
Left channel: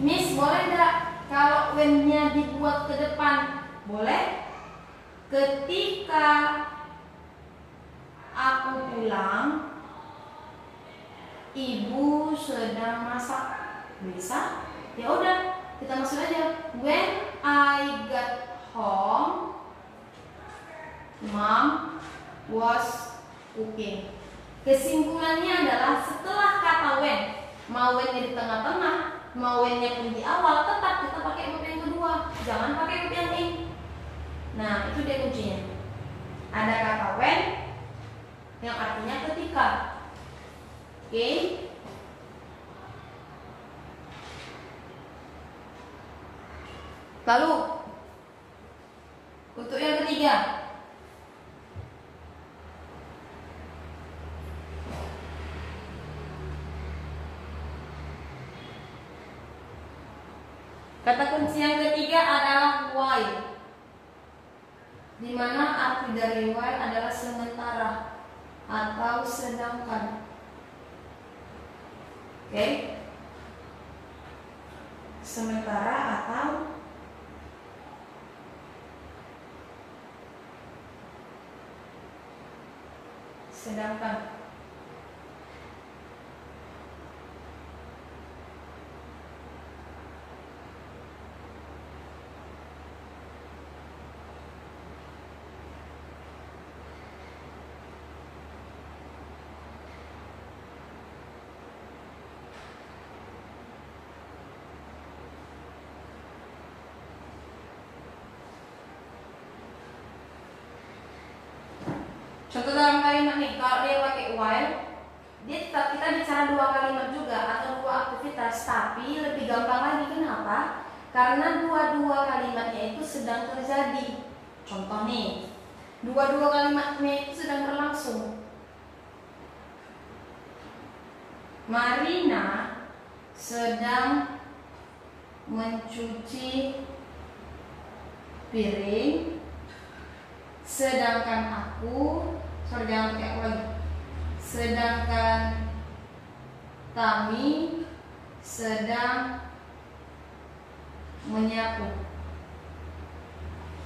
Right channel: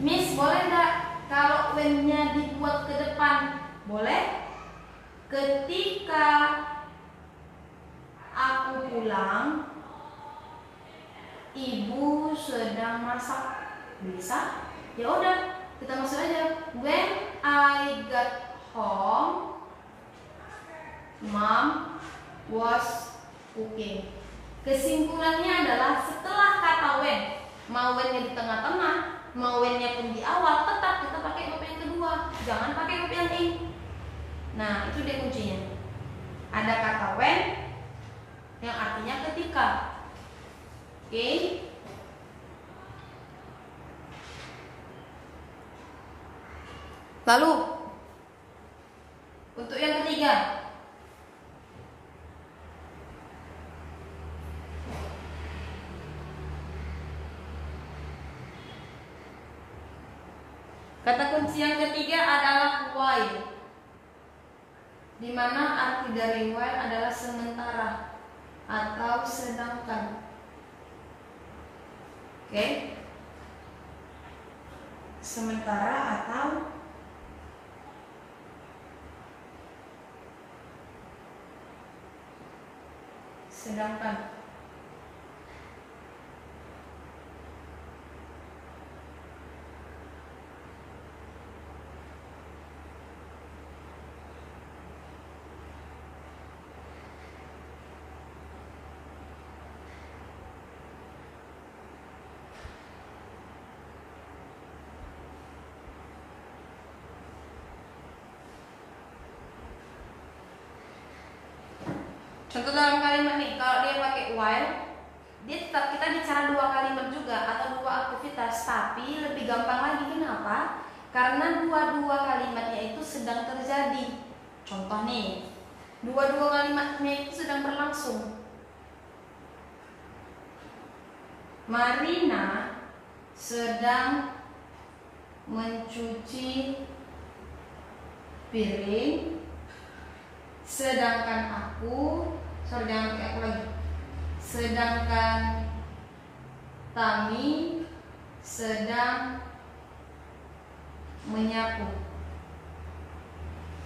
Miss, boleh nggak kalau when-nya dibuat ke depan? Boleh. Ketika aku pulang, ibu sedang masak. Bisa? Ya udah, kita masuk aja. When I got home, Mom was cooking. Kesimpulannya adalah setelah kata when, mau when-nya di tengah-tengah, mau when-nya pun di awal, tetap kita pakai verb yang kedua, jangan pakai verb yang ing. Nah, itu dia kuncinya. Ada kata when yang artinya ketika. Oke. Lalu untuk yang ketiga, kata kunci yang ketiga adalah while, di mana arti dari while adalah sementara atau sedangkan. Oke? Sementara atau sedangkan. Contoh dalam kalimat nih, kalau dia pakai while, dia tetap kita bicara dua kalimat juga atau dua aktivitas, tapi lebih gampang lagi. Kenapa? Karena dua-dua kalimatnya itu sedang terjadi. Contoh nih, dua-dua kalimatnya itu sedang berlangsung. Marina sedang mencuci piring, sedangkan sedangkan Tami sedang menyapu.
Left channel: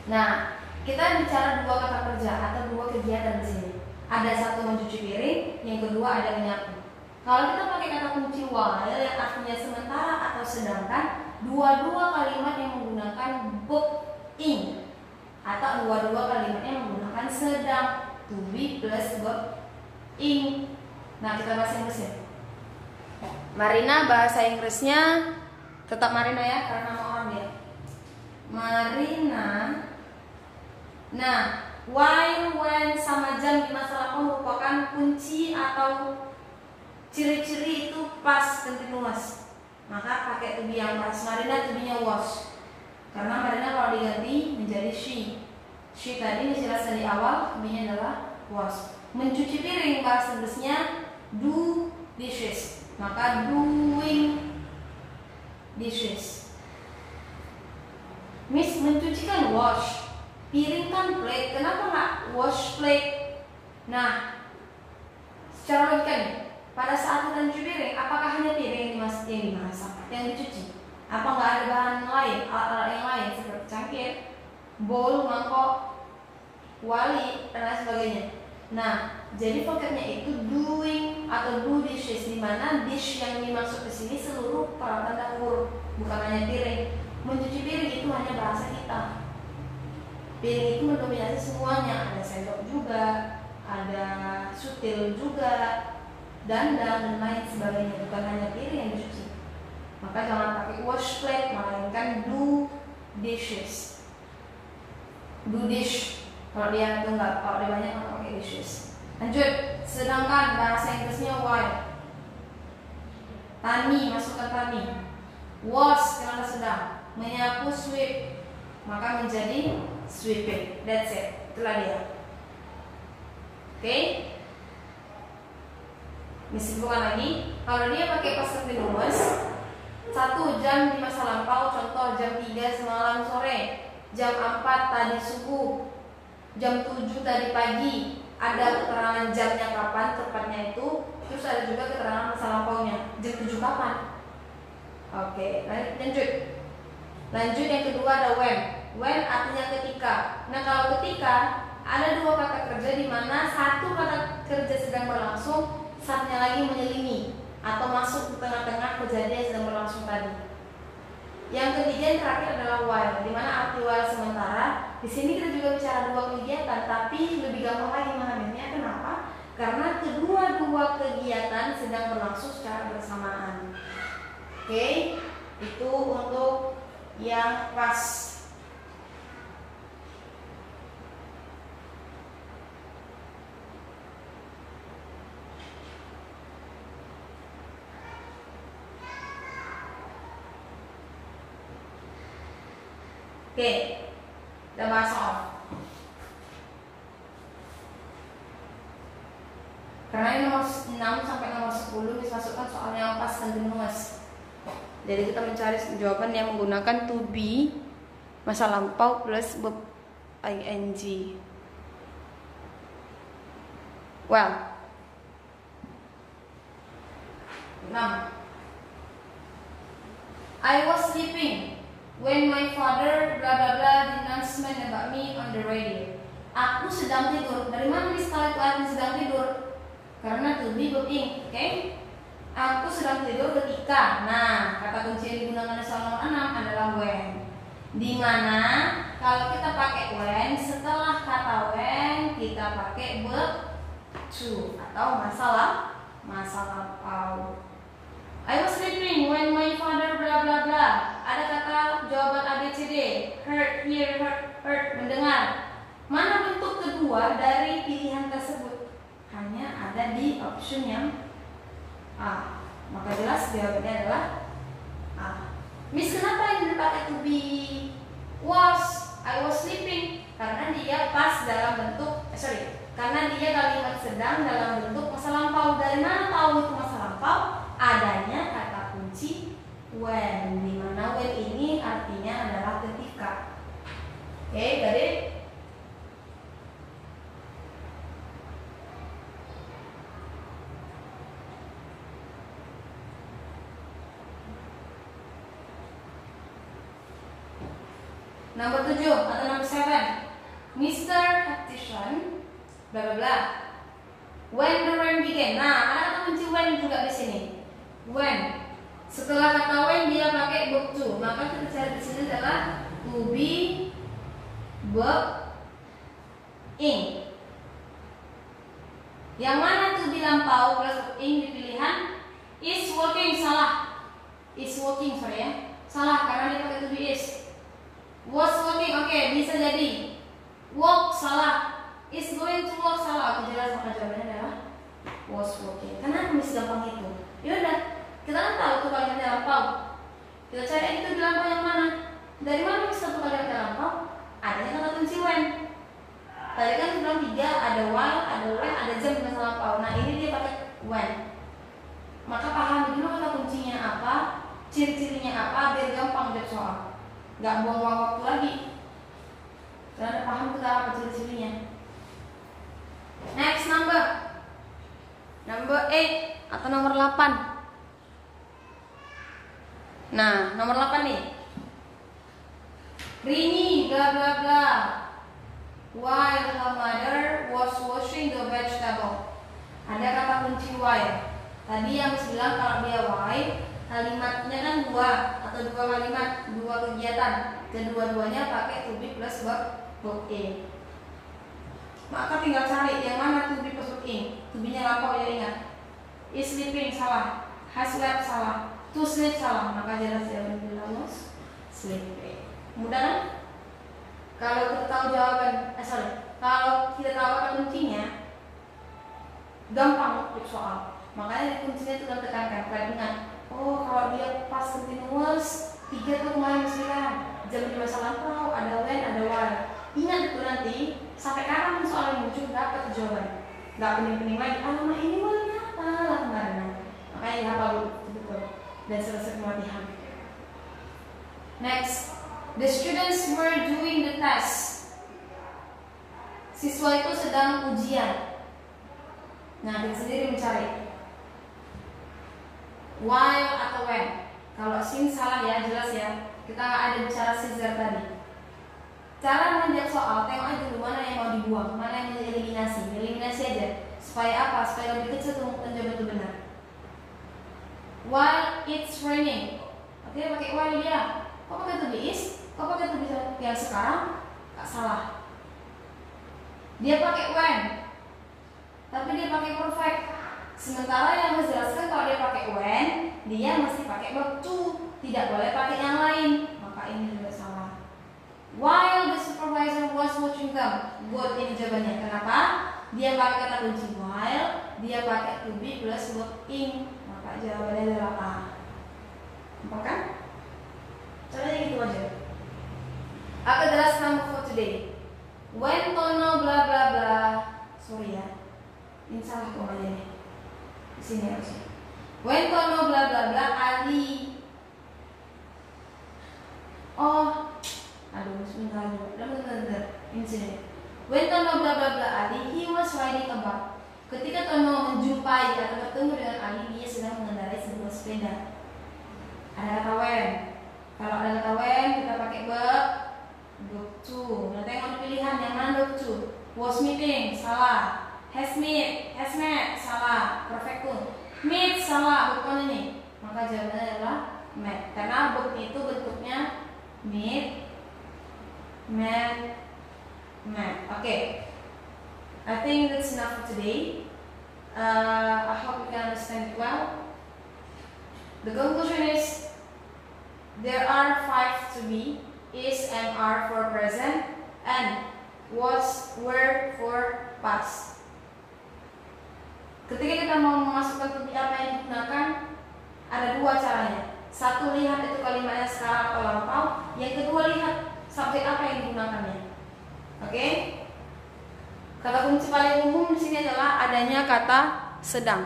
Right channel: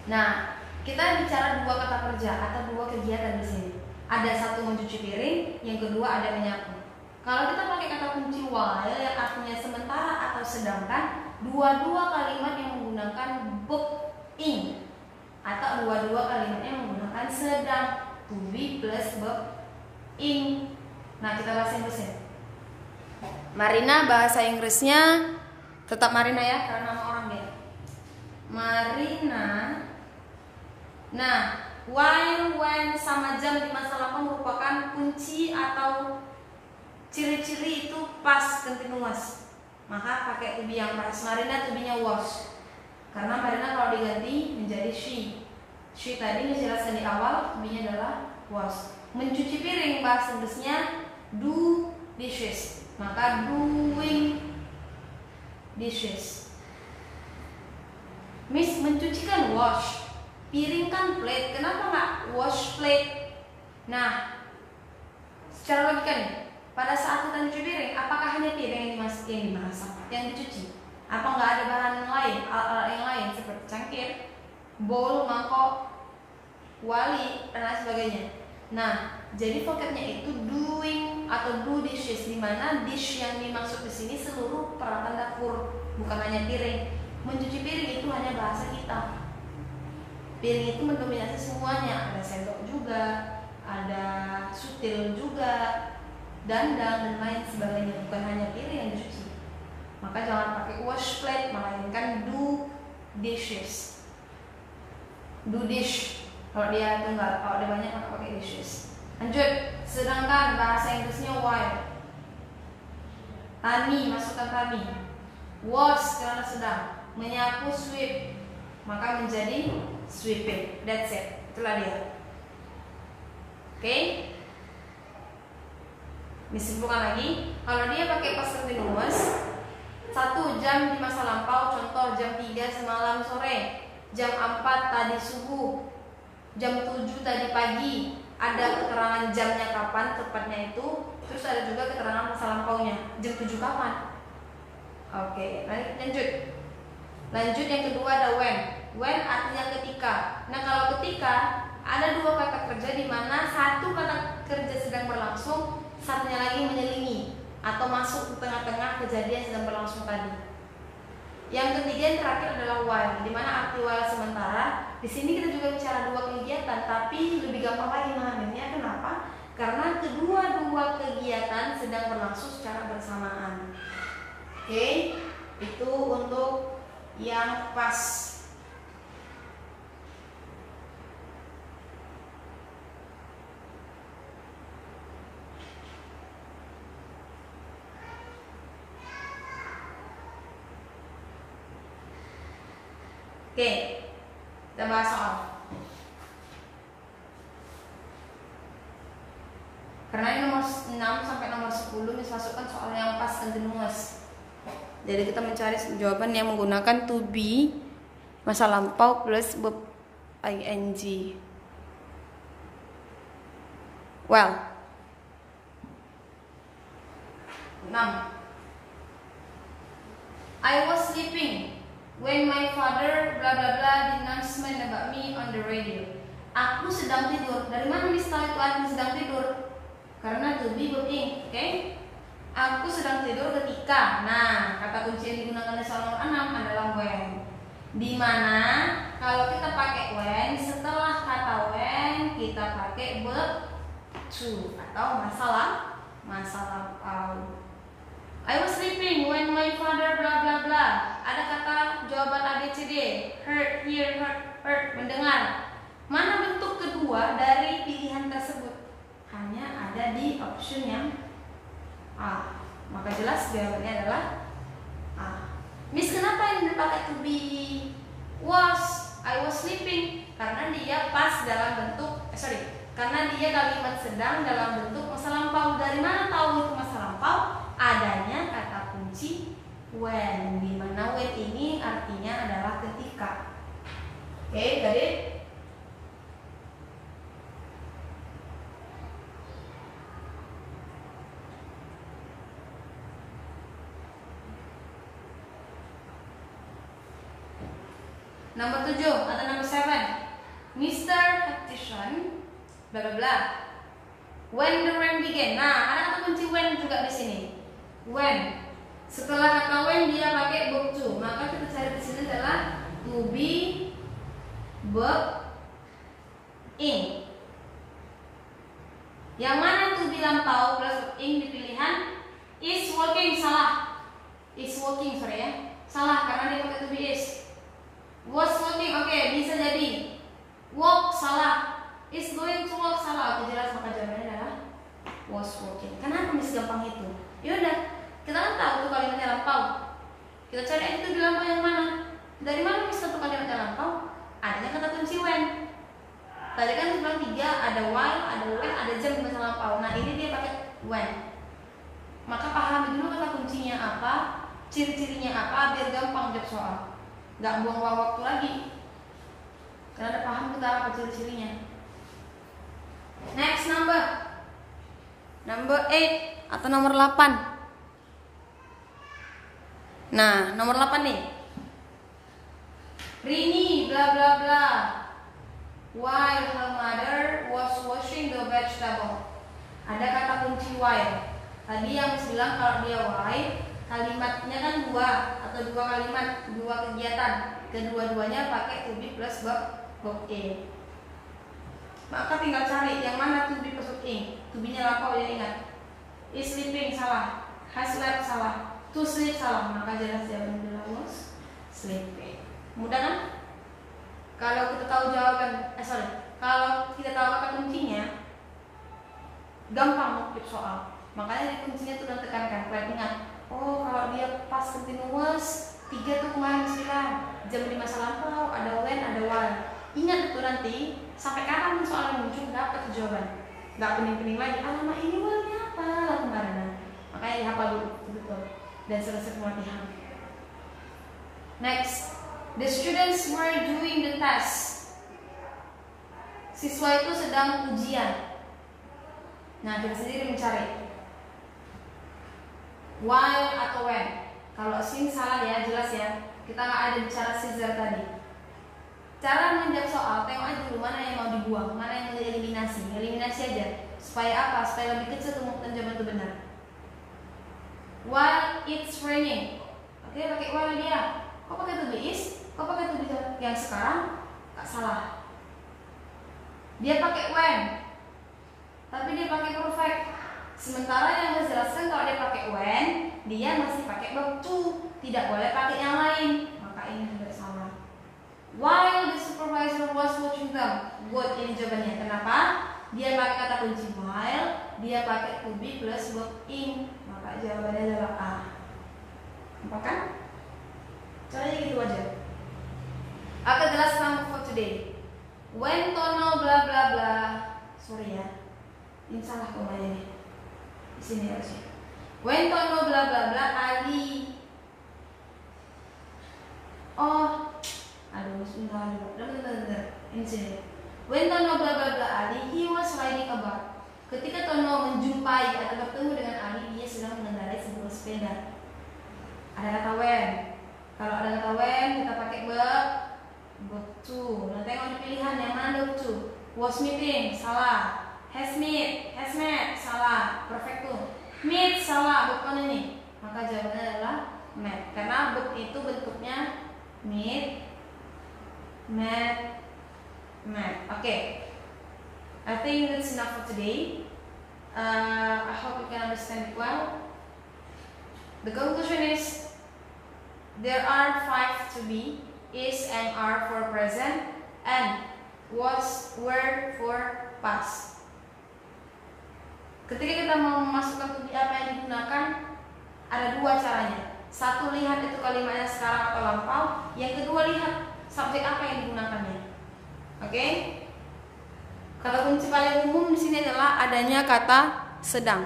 Nah, kita bicara dua kata kerja atau dua kegiatan di sini. Ada satu mencuci piring, yang kedua ada menyapu. Kalau kita pakai kata kunci while yang artinya sementara atau sedangkan, dua-dua kalimat yang menggunakan verb ing atau dua-dua kalimat yang menggunakan sedang, to be plus verb ing. Nah, kita bahas Inggrisnya. Marina bahasa Inggrisnya tetap Marina ya, karena nama orang dia. Marina. Nah, while, when sama jam di masa lampau merupakan kunci atau ciri-ciri itu past continuous. Maka pakai to be yang pas. Marina to be-nya was. Karena Marina kalau diganti menjadi she. She tadi dijelaskan di awal, to be-nya adalah was. Mencuci piring bahasa Inggrisnya do dishes. Maka doing dishes. Miss, mencuci kan wash, piring kan plate. Kenapa nggak wash plate? Nah, secara logika nih, pada saat kita mencuci piring, apakah hanya piring yang dimasak, yang dicuci? Apa nggak ada bahan lain, alat yang lain seperti cangkir, bowl, mangkok, wali, dan lain sebagainya? Nah, jadi vocabnya itu doing atau do dishes, di mana dish yang dimaksud di sini seluruh peralatan dapur, bukan hanya piring. Mencuci piring itu hanya bahasa kita. Piring itu mendominasi semuanya, ada sendok juga, ada sutil juga, dandang dan lain sebagainya, bukan hanya piring yang dicuci. Maka jangan pakai wash plate, melainkan do dishes. Do dish. Kalau dia tunggal, kalau dia banyak maka pakai dishes. Lanjut, sedangkan bahasa Inggrisnya while. Tani, masukkan tani. Was, karena sedang. Menyapu, sweep, maka menjadi sweeping. That's it, itulah dia. Oke? Disimpulkan lagi, kalau dia pakai past continuous, 1 jam di masa lampau, contoh jam 3 semalam sore, jam 4 tadi subuh, jam 7 tadi pagi. Ada keterangan jamnya kapan tepatnya itu, terus ada juga keterangan masa lampaunya, jam 7 kapan. Oke, lanjut yang kedua ada when. When artinya ketika. Nah, kalau ketika ada dua kata kerja di mana satu kata kerja sedang berlangsung, satunya lagi menyelingi atau masuk ke tengah-tengah kejadian sedang berlangsung tadi. Yang ketiga yang terakhir adalah while, di mana arti while sementara. Di sini kita juga bicara dua kegiatan, tapi lebih gampang lagi memahaminya. Kenapa? Karena kedua-dua kegiatan sedang berlangsung secara bersamaan. Oke, itu untuk yang pas. Oke, kita bahas soal. Karena ini nomor 6 sampai nomor 10 masukkan soal yang past continuous. Jadi kita mencari jawaban yang menggunakan to be masa lampau plus verb ing. Well, 6. I was sleeping when my father blah blah blah the announcement about me on the radio. Aku sedang tidur. Dari mana Miss tahu itu artinya sedang tidur? Karena to be verb ing, oke? Aku sedang tidur ketika. Nah, kata kunci yang digunakan di soal nomor 6 adalah when. Dimana kalau kita pakai when, setelah kata when kita pakai verb to atau masa lampau. I was sleeping when my father blah blah blah. Ada kata jawaban ABCD. Heard, hear, heard, mendengar. Mana bentuk kedua dari pilihan tersebut? Hanya ada di option yang A. Maka jelas jawabannya adalah A. Miss, kenapa yang dipakai to be? I was sleeping. Karena dia pas dalam bentuk karena dia kalimat sedang dalam bentuk masa lampau. Dari mana tahu itu masa lampau? Adanya kata kunci when, di mana when ini artinya adalah ketika. Oke, tadi nomor 7 atau nomor 7. Mr. Haptishon bla bla bla. When the rain began. Nah, ada kata kunci when juga di sini. When. Setelah kata when dia pakai verb to. Maka kita cari di sini adalah to be verb ing. Yang mana to be lampau plus verb ing di pilihan is working. Salah. Is working, ya. Salah karena dia pakai to be is. Was working, oke, bisa jadi. Work, salah. Is going to work, salah. Aku jelas, maka jawabannya adalah was working. Kenapa mesti gampang itu? Yaudah, kita kan tahu tuh kalimatnya lampau. Kita cari aja itu lampau yang mana. Dari mana bisa tuh kalimatnya lampau? Adanya kata kunci when. Tadi kan sebelum 3 ada while, ada when, ada jam di masa lampau. Nah ini dia pakai when. Maka pahami dulu kata kuncinya apa, ciri-cirinya apa, biar gampang jawab soal. Gak buang-buang waktu lagi. Karena udah paham tuh apa ciri-cirinya. Next number 8 atau nomor 8. Nah, nomor 8 nih. Rini bla bla bla while her mother was washing the vegetable. Ada kata kunci while. Tadi yang bilang kalau dia while, kalimatnya kan 2 atau 2 kalimat, 2 kegiatan. Kedua-duanya pakai to be plus verb ing. Maka tinggal cari yang mana to be plus verb ing. To be-nya lampau ya, ingat. Is sleeping salah, has slept salah, to sleep salah. Maka jelas jawaban was sleeping. Mudah kan? Kalau kita tahu jawaban, kalau kita tahu kata kuncinya, gampang untuk soal. Makanya di kuncinya itu kan tekankan. Kalian ingat, oh kalau dia past continuous 3 tuh kemarin bilang jam di masa lampau, ada when, ada while. Ingat itu nanti sampai kapan soal yang muncul dapat jawaban. Gak pening-pening lagi. Alamak ini while-nya apa kemarin. Makanya dihafal dulu betul dan selesai pelatihan. Next, the students were doing the test. Siswa itu sedang ujian. Nah, kita sendiri mencari while atau when. Kalau sini salah ya, jelas ya. Kita nggak ada bicara Caesar tadi. Cara menjawab soal, tengok aja dulu mana yang mau dibuang, mana yang mau dieliminasi. Eliminasi aja. Supaya apa? Supaya lebih kecil kemungkinan jawaban itu benar. While it's raining. Oke, pakai while dia. Kok pakai to be is? Kok pakai to be yang sekarang? Gak salah. Dia pakai when, tapi dia pakai perfect. Sementara yang saya jelaskan kalau dia pakai when, dia mesti pakai verb to, tidak boleh pakai yang lain. Maka ini juga salah. While the supervisor was watching them, good ini jawabannya. Kenapa? Dia pakai kata kunci while, dia pakai to be plus verb in. Maka jawabannya adalah A. Nampak kan? Caranya gitu aja. Oke, the last number for today. When Tono bla bla bla. Sorry ya, ini salah komanya nih. Di sini harusnya. When Tono bla bla bla Ali. Oh, aduh sebentar. Ini sini. When Tono bla bla bla Ali, he was riding a bike. Ketika Tono menjumpai atau bertemu dengan Ali, dia sedang mengendarai sebuah sepeda. Ada kata when. Kalau ada kata when, kita pakai verb to. Nah, tengok pilihan yang mana verb to. Was meeting, salah. Has met, salah. Perfect to. Meet, salah. Bukan ini. Maka jawabannya adalah met. Karena verb itu bentuknya meet, met. Okay. I think that's enough for today. I hope you can understand it well. The conclusion is there are 5 to be, is and are for present, and was, were for past. Ketika kita mau memasukkan to be apa yang digunakan, ada 2 caranya. Satu, lihat itu kalimatnya sekarang atau lampau. Yang kedua, lihat subjek apa yang digunakannya. Oke? Kata kunci paling umum di sini adalah adanya kata sedang.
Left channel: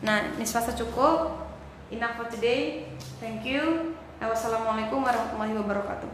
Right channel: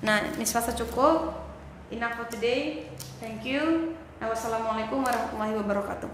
Nah, ini selasa cukup. Enough for today. Thank you. Wassalamualaikum warahmatullahi wabarakatuh.